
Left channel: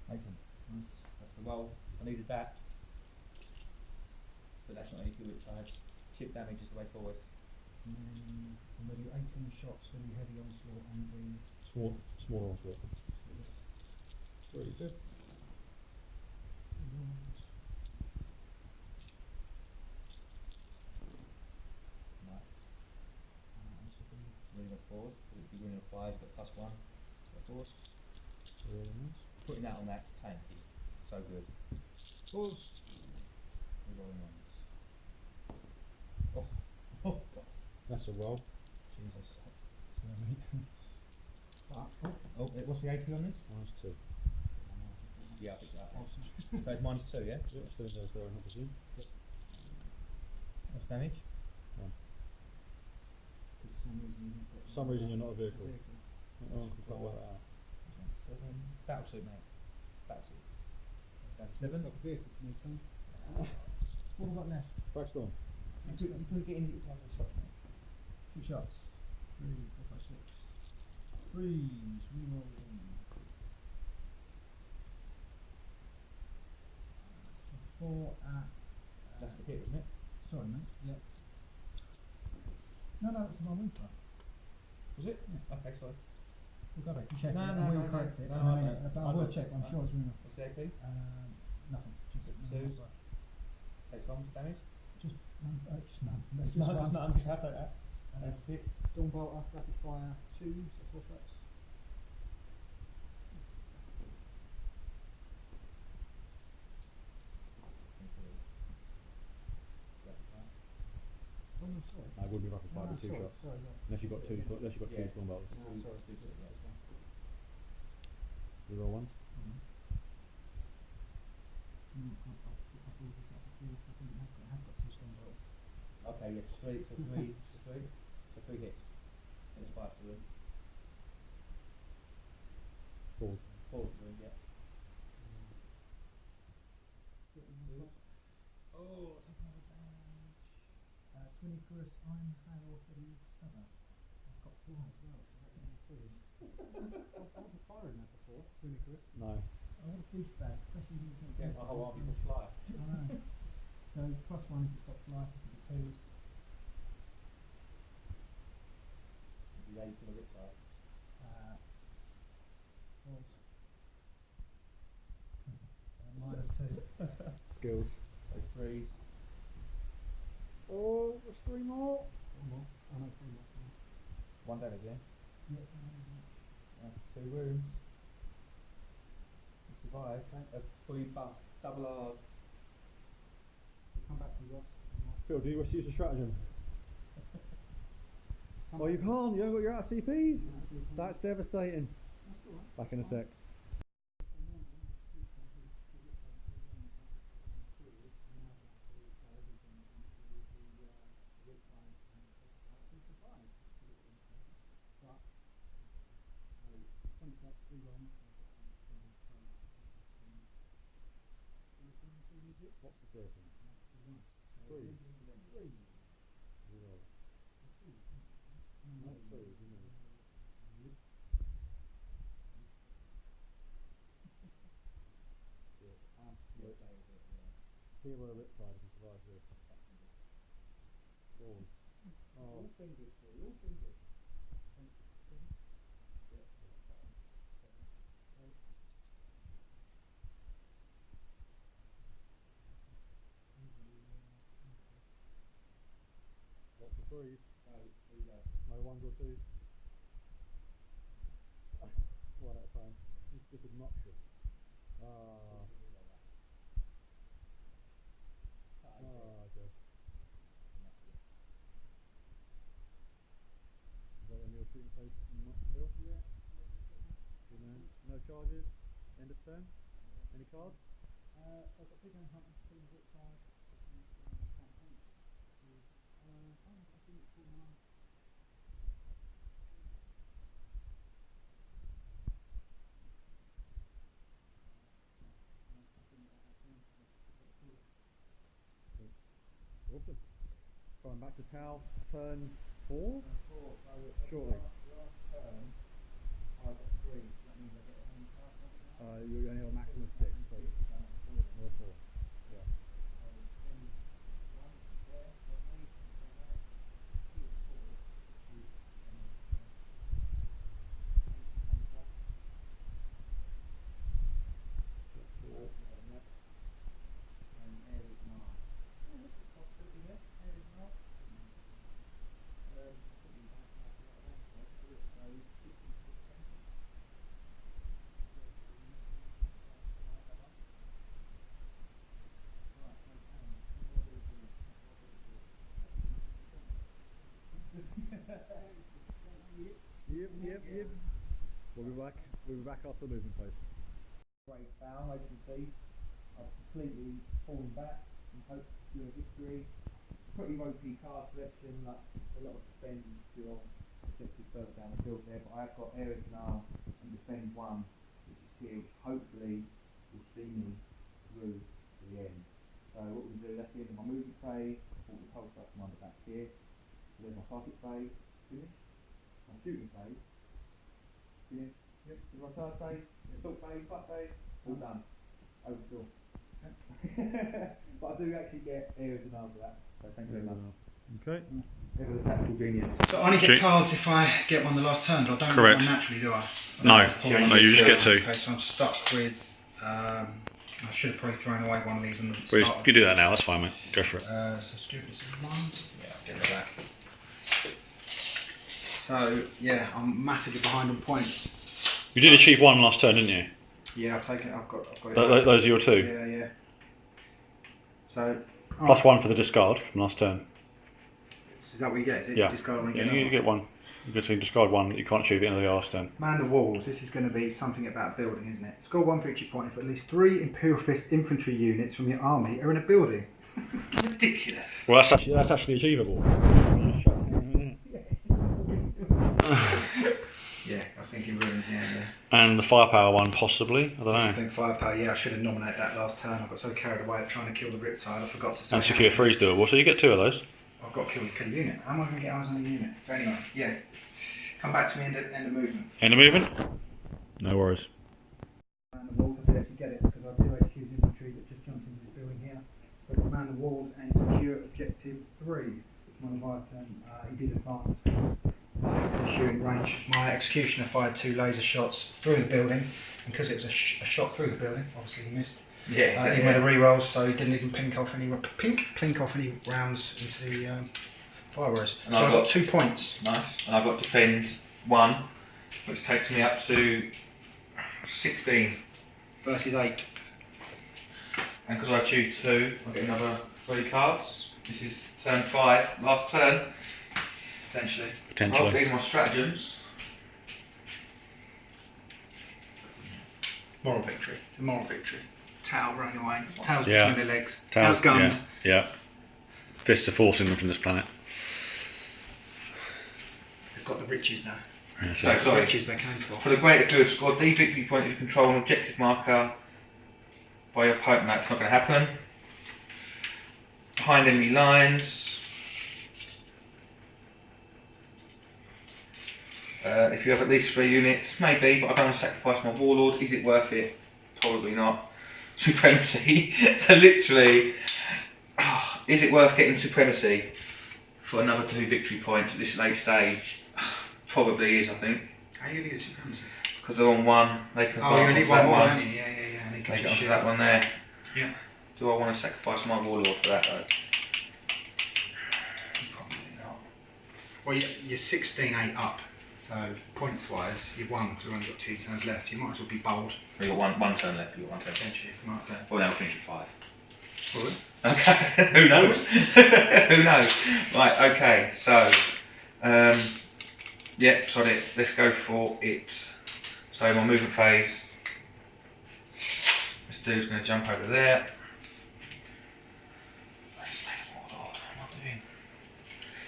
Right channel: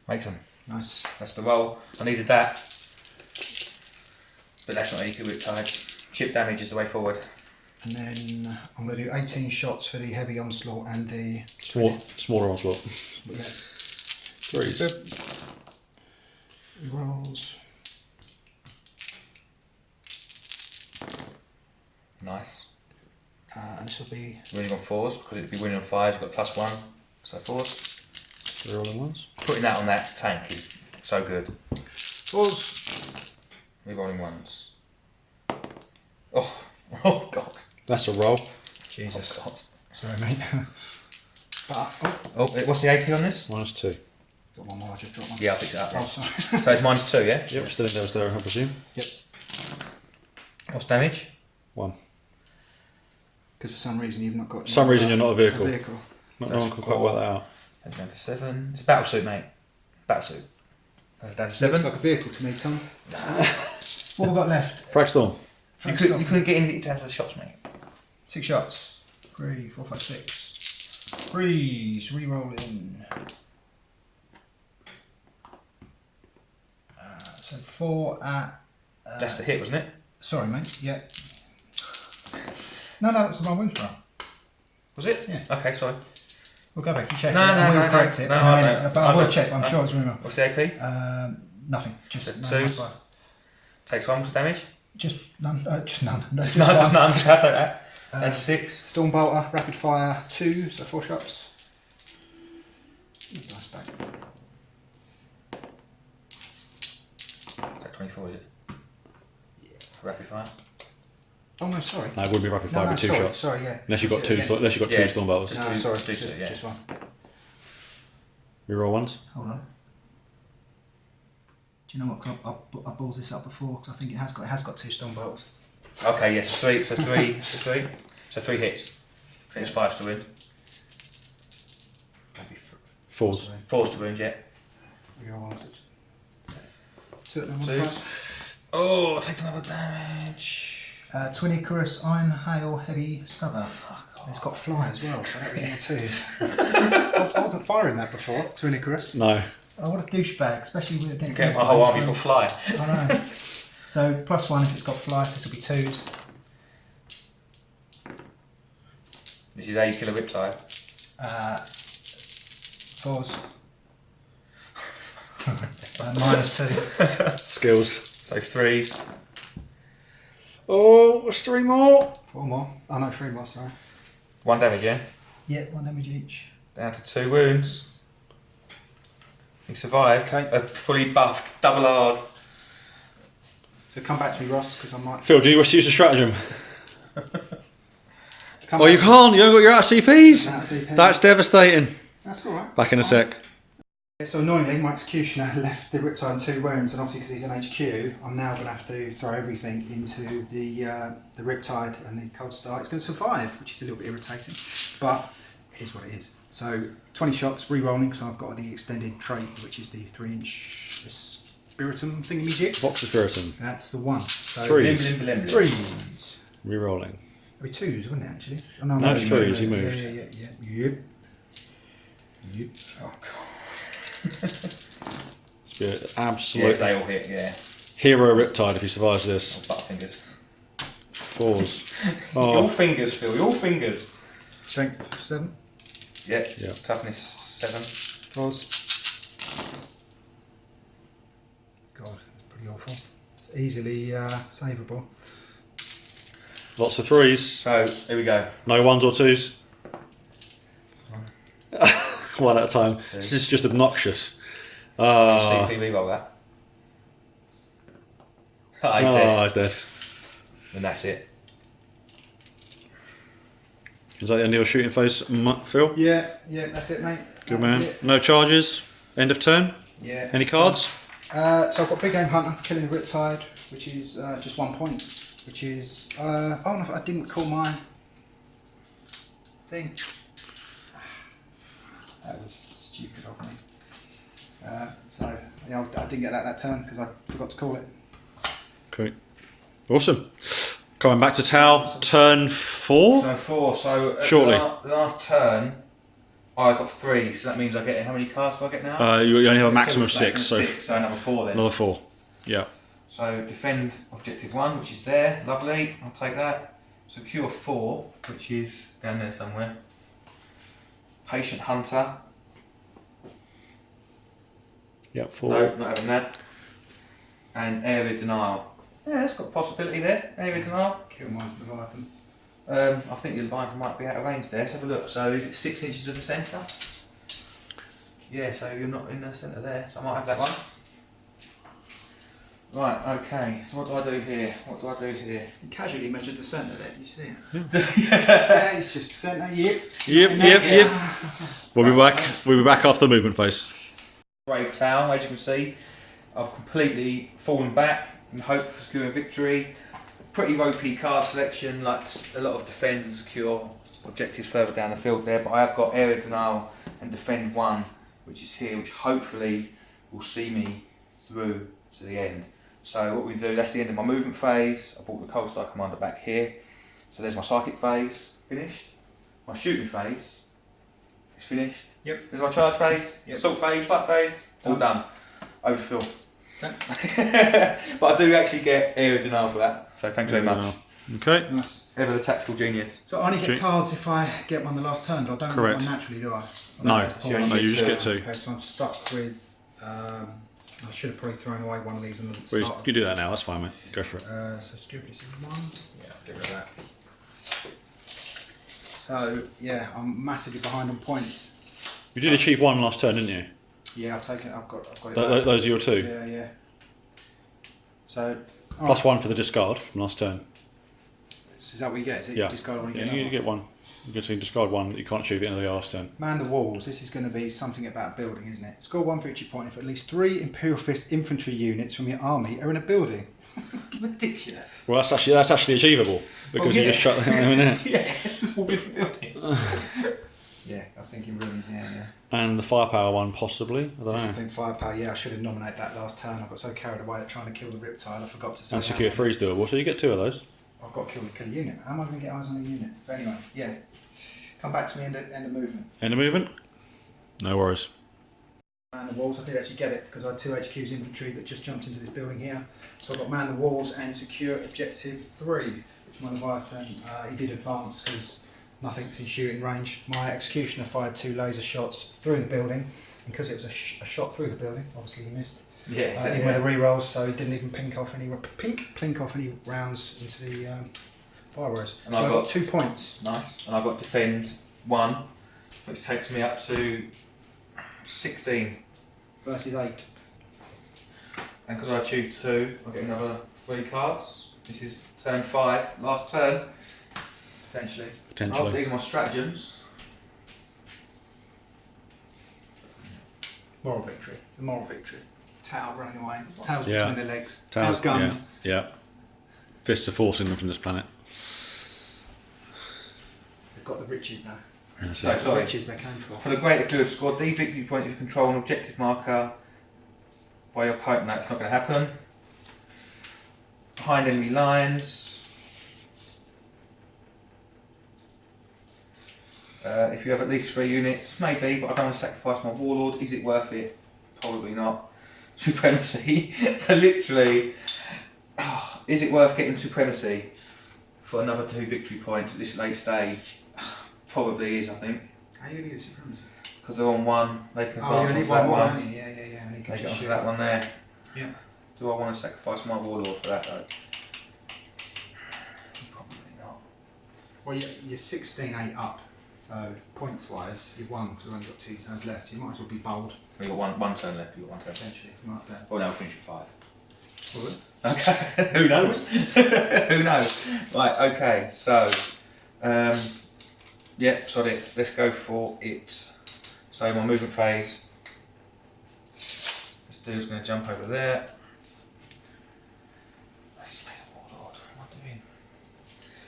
Makes them. Nice. That's the roll. I needed that. But that's not equal with tides. Chip damage is the way forward. And then I'm going to do 18 shots for the heavy onslaught and the Smaller onslaught. Yeah. 3s. Rolls. Nice. And this will be Winning on 4s because it'd be winning on 5s. You've got +1. So 4s. Rolling ones. Putting that on that tank is so good. 4s. Rerolling 1s. Oh god. That's a roll. Jesus. Oh god. Sorry, mate. But, What's the AP on this? -2. got one more, I just dropped one. Yeah, I picked it up. Oh, sorry. So it's -2, yeah? Yep, still in there, I presume. Yep. What's damage? 1. Because for some reason you've not got... Some reason you're not a vehicle. So No one can quite work that out. That's down to 7. It's a battle suit, mate. Battle suit. That's down to 7. Looks like a vehicle to me, Tom. What have we got left? Fragstorm. You couldn't get anything down to the shots, mate. 6 shots. 3, 4, 5, 6. Freeze. Re-rolling. So 4 at... That's the hit, wasn't it? Sorry, mate. Yeah. No, that was my wounds roll. Was it? Yeah. Okay, sorry. We'll go back and check No, it. no, and we'll no, correct no, it no, in I a minute. don't. But I will check. I'm sure it's rumor. What's the AP? Nothing. Just So none. 2s. Takes 1 for damage? Just none. Just none. No, Just none. I'll take that. And 6. Storm bolter, rapid fire 2, so 4 shots. Nice back. Take 24, is it? Yeah. Rapid fire. Oh no, sorry. No, it wouldn't be rapid fire with 2 sorry, shots. Sorry, yeah. Unless you've got 2 unless you've got 2 storm bolters. No, do- sorry, just do it, yeah. just one. Reroll 1s. Hold on. Do you know what? I balled this up before because I think it has got 2 storm bolters. Okay, yes, 3. So 3. So 3 hits. So it's 5 to win. 4s. 4's to wound, yeah. Reroll 1. 2 at number 2s. 5. Oh, takes another damage. Twin Icarus, Iron Hail, Heavy Stubber. It's got fly as well, so that'd be a 2. I wasn't firing that before, Twin Icarus. No. Oh, what a douchebag, especially with against Get these my whole guys. army's got fly. I know. So +1 if it's got fly, so this will be 2s. This is how you kill a riptide. 4s. -2. Skills. So 3s. Oh, there's 3 more. 4 more. Oh no, 3 more, sorry. 1 damage, yeah? Yeah, 1 damage each. Down to 2 wounds. He survived. Okay. A fully buffed, double hard. So come back to me, Ross, because I might... Phil, do you wish to use a stratagem? Come Oh, you back. can't. You haven't got your out of CPs. That's CP. That's devastating. That's alright. Back in a sec. So annoyingly, my Executioner left the Riptide in 2 wounds, and obviously because he's in HQ, I'm now going to have to throw everything into the Riptide and the Cold Start. It's going to survive, which is a little bit irritating, but it is what it is. So 20 shots, re-rolling, so I've got the extended trait, which is the 3-inch Spiritum thingamajig. Box of Spiritum. That's the one. So 3s. 3s. Rerolling. It'd be 2s, wouldn't it, actually? Oh, No, it's 3s, you moved. Yep. Oh, God. It's be an Yes, absolute they all hit, yeah. hero Riptide if he survives this. Or butterfingers. Fours. Your fingers, Phil. Your fingers. Strength 7. Yeah. Yeah. Toughness 7. Pause. God, it's pretty awful. It's easily savable. Lots of 3s. So here we go. No 1s or 2s. One at a time. This is just obnoxious. CP reroll that. He's dead. He's dead. And that's it. Is that the end of your shooting phase, Phil? Yeah, that's it, mate. Good That's man. it. No charges. End of turn. Yeah. Any cards? So I've got Big Game Hunter for killing the Riptide, which is just 1 point. Which is oh no, I didn't call my thing. That was stupid of me. So yeah, I didn't get that turn because I forgot to call it. Okay. Awesome. Coming back to Tau, turn 4? So 4. So Shortly. The last turn, I got 3. So that means I get how many cards do I get now? You only have a maximum of 6. So 6. So another 4 then. another 4. Yeah. So defend objective 1, which is there. Lovely. I'll take that. Secure 4, which is down there somewhere. Patient Hunter. Yeah, 4. No, not having that. And area denial. Yeah, that's got a possibility there. Area denial. Kill my Leviathan. I think the Leviathan might be out of range there. Let's have a look. So is it 6 inches of the centre? Yeah, so you're not in the centre there. So I might have that one. Right, okay. So what do I do here? You casually measured the centre there. Did you see it? Yeah. Yeah, it's just centre. Yep. We'll be back after the movement phase. Brave Tau, as you can see, I've completely fallen back in hope for securing victory. Pretty ropey card selection, like a lot of defend and secure objectives further down the field there, but I have got area denial and defend 1, which is here, which hopefully will see me through to the end. So what we do, that's the end of my movement phase. I brought the Cold Star Commander back here. So there's my psychic phase, finished. My shooting phase is finished. Yep. There's my charge phase, assault phase, fight phase, all done. Over to Phil. But I do actually get area denial for that, so thanks very much. Okay. Nice. Ever the tactical genius. So I only get cards if I get one the last turn, but I don't Correct. get one naturally, do I? No, you just get 2. Okay, so I'm stuck with. I should have probably thrown away one of these in the Well, start. you do that now, that's fine, mate. Go for it. So stupidness is 1. Yeah, I'll get rid of that. So yeah, I'm massively behind on points. You did achieve 1 last turn, didn't you? Yeah, I've got it. Back. Those are your 2. Yeah. So. Plus 1 for the discard from last turn. Is that what you get? Is it Yeah. discard one? Yeah, you get 1. You get to discard 1 that you can't achieve at the end of the last turn. Man the walls. This is going to be something about a building, isn't it? Score 1 victory point if at least 3 Imperial Fist infantry units from your army are in a building. Ridiculous. Well, that's actually achievable because you just shut them in there. Yeah, it's all good building. Yeah, I was thinking ruins. Yeah. And the firepower 1 possibly. I don't know. Discipline firepower. Yeah, I should have nominated that last turn. I got so carried away at trying to kill the Riptide, I forgot to say. And secure 3 is doable, so you get 2 of those. I've got to kill the unit. How am I going to get eyes on the unit? But anyway, yeah. Come back to me end of movement. End of movement. No worries. Man the walls. I did actually get it because I had 2 HQ's infantry that just jumped into this building here. So I've got man the walls and secure objective 3, which my Leviathan he did advance because nothing's in shooting range. My executioner fired 2 laser shots through the building, and because it was a shot through the building, obviously he missed. Yeah, exactly. He made a re-rolls, so he didn't even plink off any rounds into the fireworks. So I've got 2 points. Nice. And I've got defend 1, which takes me up to 16. Versus 8. And because I choose 2, I get another 3 cards. This is turn 5, last turn. Potentially. Oh, these are my stratagems. Moral victory. It's a moral victory. Tau running away. Tau's between their legs. Tau's gunned. Yeah. Fists are forcing them from this planet. They've got the riches now. Yeah, So, sorry. Riches they came for. For the greater good, score D victory point if you control an objective marker by your opponent. That's not going to happen. Behind enemy lines. If you have at least 3 units, maybe, but I don't want to sacrifice my warlord. Is it worth it? Probably not. Supremacy. So literally, is it worth getting supremacy for another 2 victory points at this late stage? Probably is, I think. How are you going to get supremacy? Because they're on one, they can Oh, you advance need onto one that more, one. don't you? Yeah. And They get onto that one there. Yeah. Do I want to sacrifice my warlord for that though? Probably not. Well, you're 16-8 up, so points-wise, you've won because we've only got 2 turns left. You might as well be bold. We've got one turn left, you've got 1 turn. Potentially, might play. Well, now we'll finish at 5. Will it? Okay, who knows? Who knows? Right, okay, so, yeah, sod it, let's go for it. So my movement phase, this dude's going to jump over there. Oh Lord, what am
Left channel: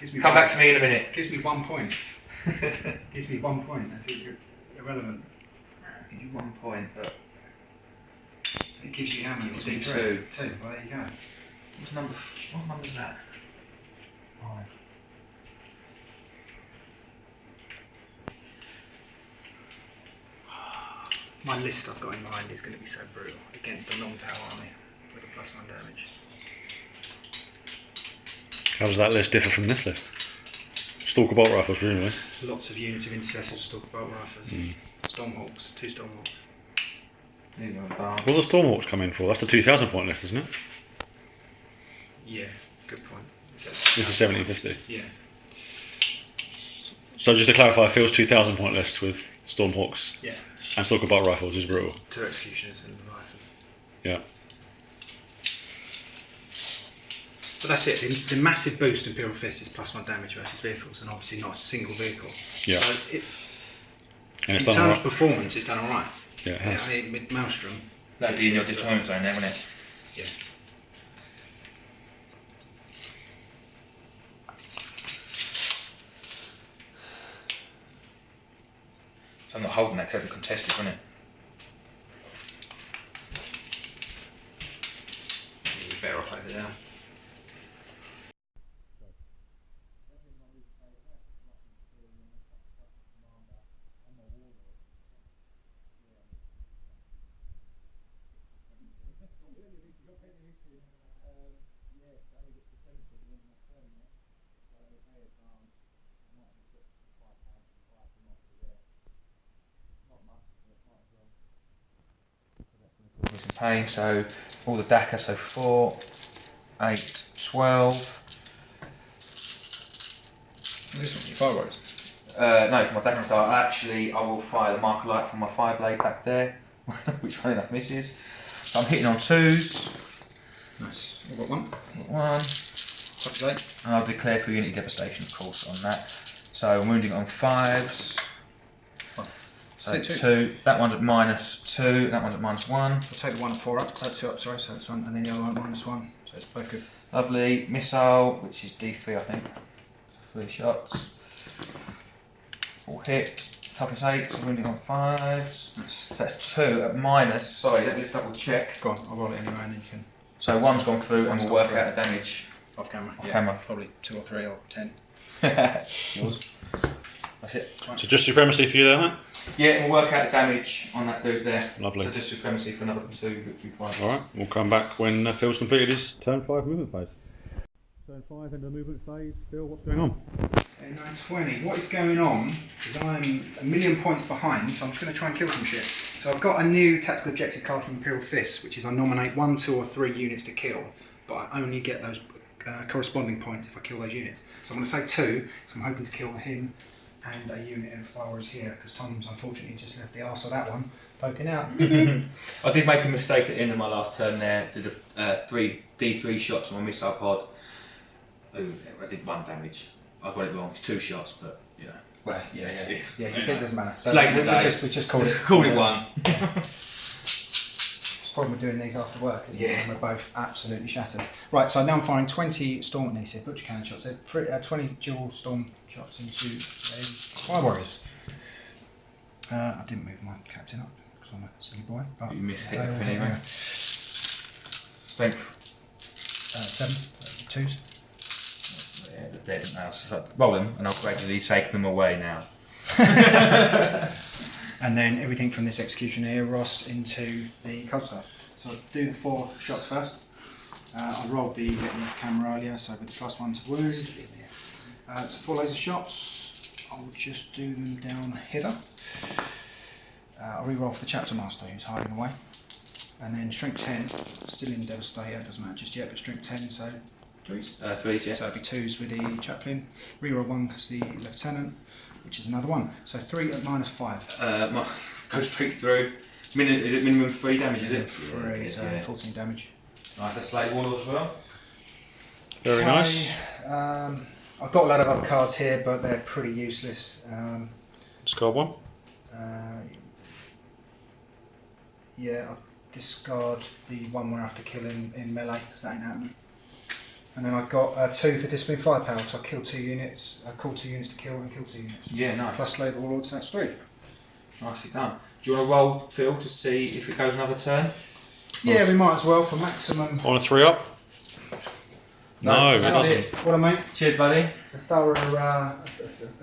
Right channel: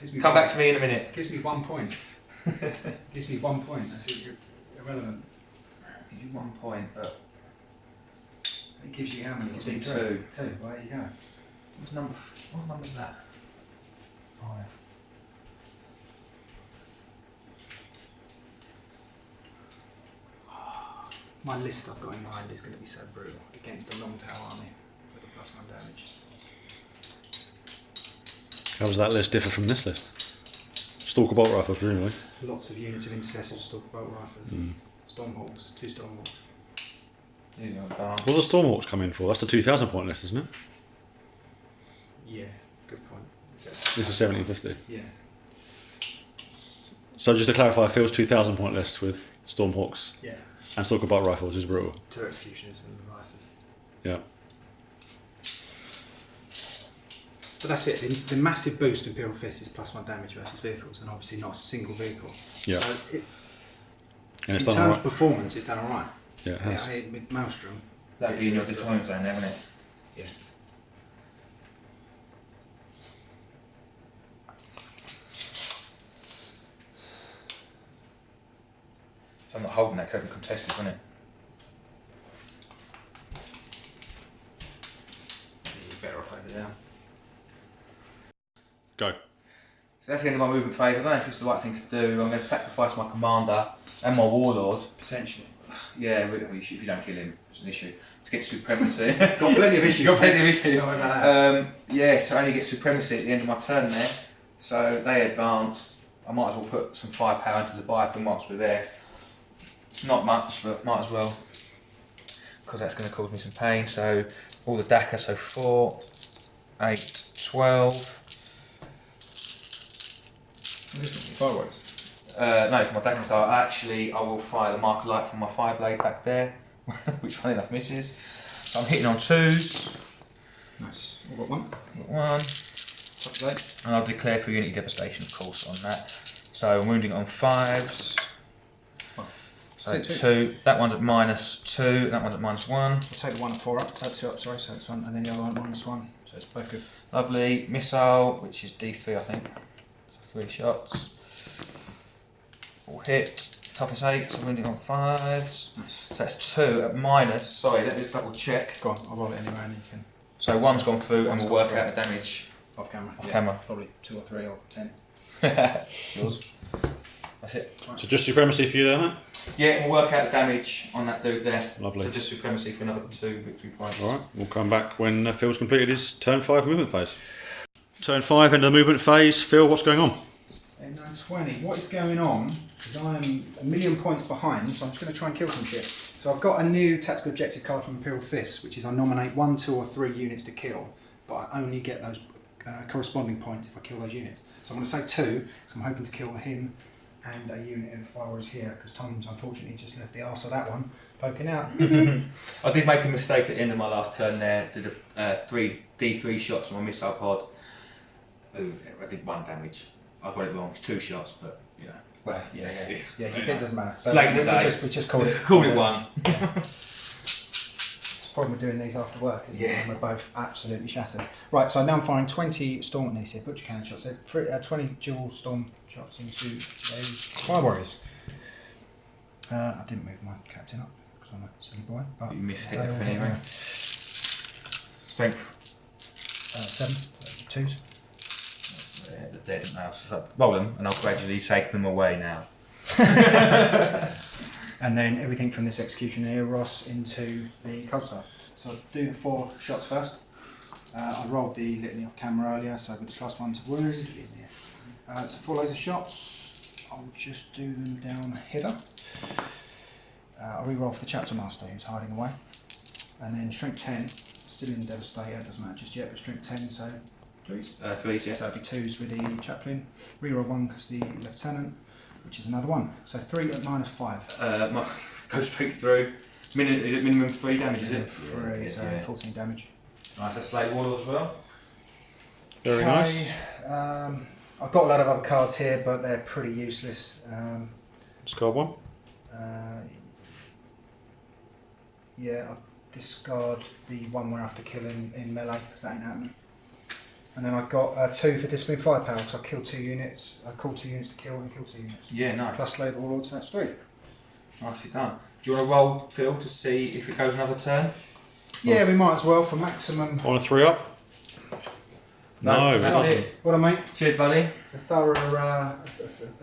I doing? Come back to me in a minute. Gives me 1 point. Gives me 1 point, that's irrelevant. Give you 1 point, but... It gives you how many? Gives me 2. 2, well there you go. What number is that? 5. My list I've got in mind is going to be so brutal against a long tower army with a +1 damage. How does that list differ from this list? Stalker bolt rifles, presumably. Lots of units of intercessors, stalker bolt rifles, Stormhawks, 2 Stormhawks. What's the Stormhawks come in for? That's the 2,000 point list, isn't it? Yeah, good point. This is 1750. Yeah. So just to clarify, Phil's 2,000 point list with Stormhawks Yeah. and Stalker bolt rifles is brutal. 2 Executioners and Leviathan. Yeah. But that's it. The massive boost in Imperial Fist is +1 damage versus vehicles, and obviously not a single vehicle. Yeah. So And it's in done terms alright. of performance, it's done alright. Yeah, it has. I mean, with Maelstrom. That'd be in your deployment zone there, wouldn't it? Yeah. So I'm not holding that because I'm contested, wouldn't it? You're better off over there. Go. So that's the end of my movement phase. I don't know if it's the right thing to do. I'm going to sacrifice my commander and my warlord. Potentially. Yeah, if you don't kill him, it's an issue. To get supremacy. Got plenty of issues. Got plenty of issues. Don't worry about that. Yeah, so I only get supremacy at the end of my turn there. So they advanced. I might as well put some firepower into the Leviathan whilst we're there. Not much, but might as well. Because that's going to cause me some pain. So all the DACA, so 4, 8, 12. This one, fireworks. No, for my DACA start, actually I will fire the marker light from my fire blade back there, which funny enough misses. So I'm hitting on 2s. Nice. I've got 1. Hit 1. And I'll declare for unity devastation, of course, on that. So I'm wounding on 5s. So 2. That one's at -2. That one's at -1. I'll take the 1 and 4 up. 2 up, sorry. So that's 1, and then the other one -1. So it's both good. Lovely. Missile, which is D3, I think. So 3 shots. All hit. Toughness 8. So wounding on 5s. Nice. So that's 2 at minus. Sorry, let me just double check. Go on, I'll roll it anyway, and then you can. So 1's gone through, and One's we'll gone work through. out the damage. Off camera. Off camera. Probably 2 or 3 or 10. Yours. That's it. So just supremacy for you there, mate? Yeah, and we'll work out the damage on that dude there. Lovely. So just supremacy for another 2 victory points. Alright, we'll come back when Phil's completed his turn 5 movement phase. Turn 5, end of the movement phase. Phil, what's going on? Okay, 920. What is going on is I'm 1,000,000 points behind, so I'm just going to try and kill some shit. So I've got a new tactical objective card from Imperial Fist, which is I nominate 1, 2 or 3 units to kill, but I only get those corresponding points if I kill those units. So I'm going to say 2, so I'm hoping to kill him and a unit of followers here, because Tom's unfortunately just left the arse of that one poking out. I did make a mistake at the end of my last turn there. Did a 3 D3 shots on my missile pod. Ooh, I did 1 damage. I got it wrong. It's 2 shots, but you know. Well, yeah, it doesn't matter. It's late in the day. We just called it. Called it 1. It's the problem with doing these after work, isn't it? Yeah. We're both absolutely shattered. Right, so now I'm firing 20 storm needs here, butcher cannon shots. So 20 dual storm shots into those fire warriors. I didn't move my captain up because I'm a silly boy. But You missed they it all hit anyway. now. Strength. 7, 2s. Yeah, they're dead now. So roll them, and I'll gradually take them away now. And then everything from this executioner Ross into the cold start. So I'll do the 4 shots first. I rolled the little camera earlier, so with the +1 to wound. So 4 laser shots. I'll just do them down hither. I'll re-roll for the Chapter Master who's hiding away. And then strength 10, still in Devastator, doesn't matter just yet, but strength 10, so 3s? 3s, yeah. So it'll be 2s with the Chaplain. Reroll 1 because the Lieutenant, which is another 1. So 3 at -5. Go straight through. Is it minimum 3 damage, is it? 3, so 14 damage. Nice, that's Slate Wall as well. Very nice. I've got a lot of other cards here, but they're pretty useless. Discard 1. Yeah, I'll discard the 1 where I have to kill in melee, because that ain't happening. And then I've got 2 for Discipline Firepower, so I'll kill 2 units, call 2 units to kill and kill 2 units. Yeah, nice. Plus Slay the Warlord, so that's 3. Nicely done. Do you want to roll, Phil, to see if it goes another turn? Yeah, we might as well for maximum. On a 3-up? No, that's doesn't. it. What a mate. Cheers, buddy. It's a thorough, a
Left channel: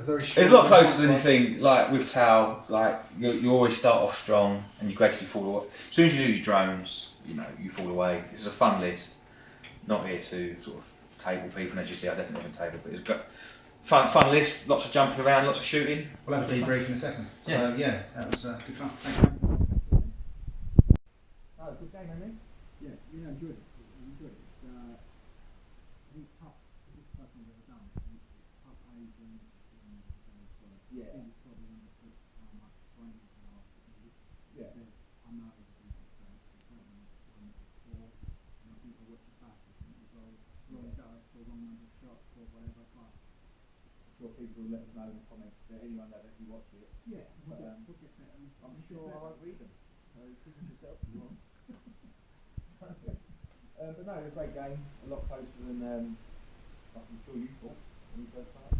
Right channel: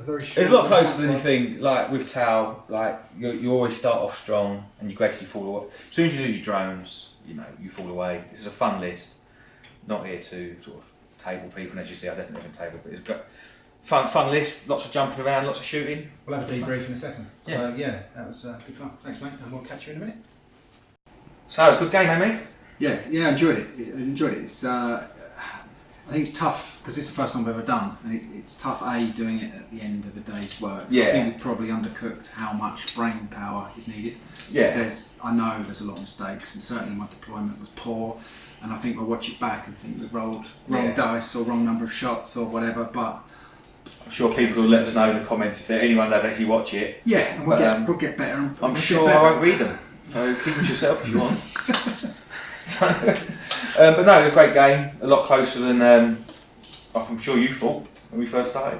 very strong. It's a lot closer than you think. Like with Tau, like you always start off strong and you gradually fall away. As soon as you lose your drones, you fall away. This is a fun list. Not here to sort of table people, and as you see, I definitely haven't tabled, but it's got fun list. Lots of jumping around, lots of shooting. We'll have a debrief in a second. Yeah. So yeah, that was good fun. Thanks, mate. And we'll catch you in a minute. So it was a good game, eh, mate? Yeah, I enjoyed it. It's I think it's tough because this is the first time I've ever done, and it's tough doing it at the end of a day's work. Yeah. I think we probably undercooked how much brain power is needed. Yeah. I know there's a lot of mistakes, and certainly my deployment was poor. And I think we'll watch it back and think we've rolled wrong dice or wrong number of shots or whatever. But I'm sure people will let us know in the comments if anyone does actually watch it. Yeah, and we'll get better. And I'm sure I won't read them, so keep them to yourself if you want. But no, it was a great game. A lot closer than I'm sure you thought when we first started.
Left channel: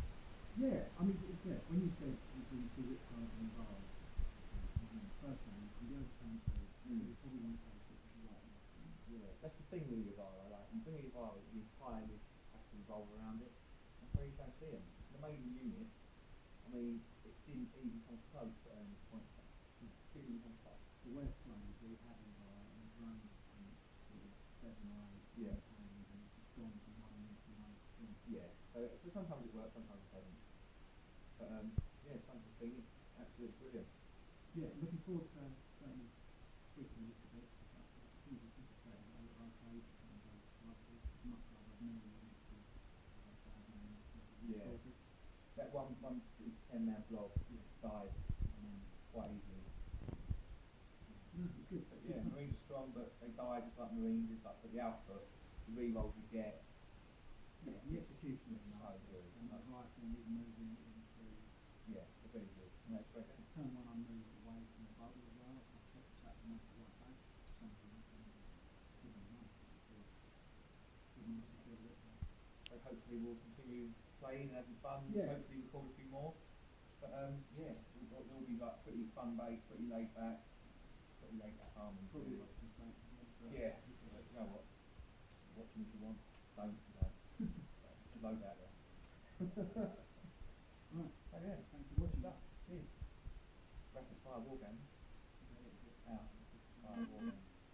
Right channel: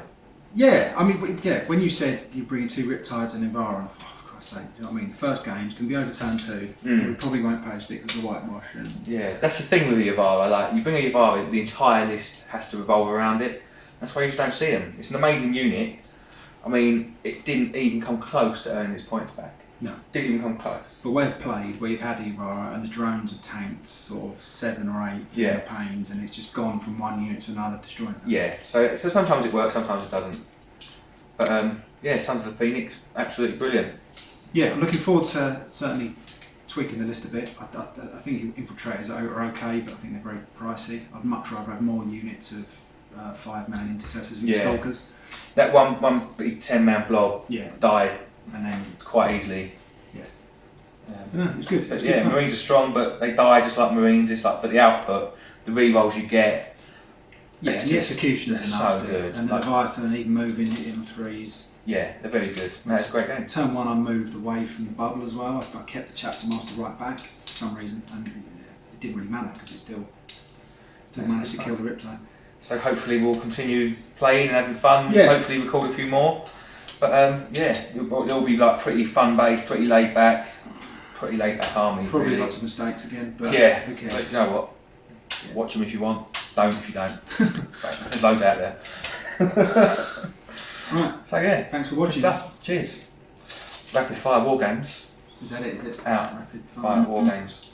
Yeah, I mean, when you said you're bringing 2 Riptides and Ivara, I thought, for Christ's sake, you know what I mean? The first game's going to be over turn 2. We probably won't post it because of the whitewash. And yeah, that's the thing with the Ivara. Like, you bring a Ivara, the entire list has to revolve around it. That's why you just don't see them. It's an amazing unit. I mean, it didn't even come close to earning its points back. No. Didn't even come close. But we've played where you've had Ivara and the drones have tanked sort of 7 or 8 pains, and it's just gone from one unit to another, destroying them. Yeah, so sometimes it works, sometimes it doesn't. But yeah, Sons of the Phoenix, absolutely brilliant. Yeah, I'm looking forward to certainly tweaking the list a bit. I think Infiltrators are okay, but I think they're very pricey. I'd much rather have more units of 5-man Intercessors and Stalkers. That one big 10-man blob died and then quite easily. Yeah. No, it was good. But yeah, fun. Marines are strong, but they die just like Marines. It's like, but the output, the rerolls you get. Yeah, and the executioners are so good. And the Leviathan, even moving, hitting 3s. Yeah, they're very good. No, it's a great game. Turn 1, I moved away from the bubble as well. I kept the Chapter Master right back for some reason, and it didn't really matter because it still managed to kill the Riptide. So hopefully we'll continue playing and having fun. Yeah. Hopefully record a few more. But yeah, it'll be like pretty fun based, pretty laid back army. Probably really. lots of mistakes again, but yeah. Who cares? But you know what? Watch them if you want. Don't if you don't. There's loads out there. Right. So yeah, Thanks for watching. Good stuff. Cheers. Rapid Fire War Games. Is that it? Is it? Out. Rapid Fire War Games.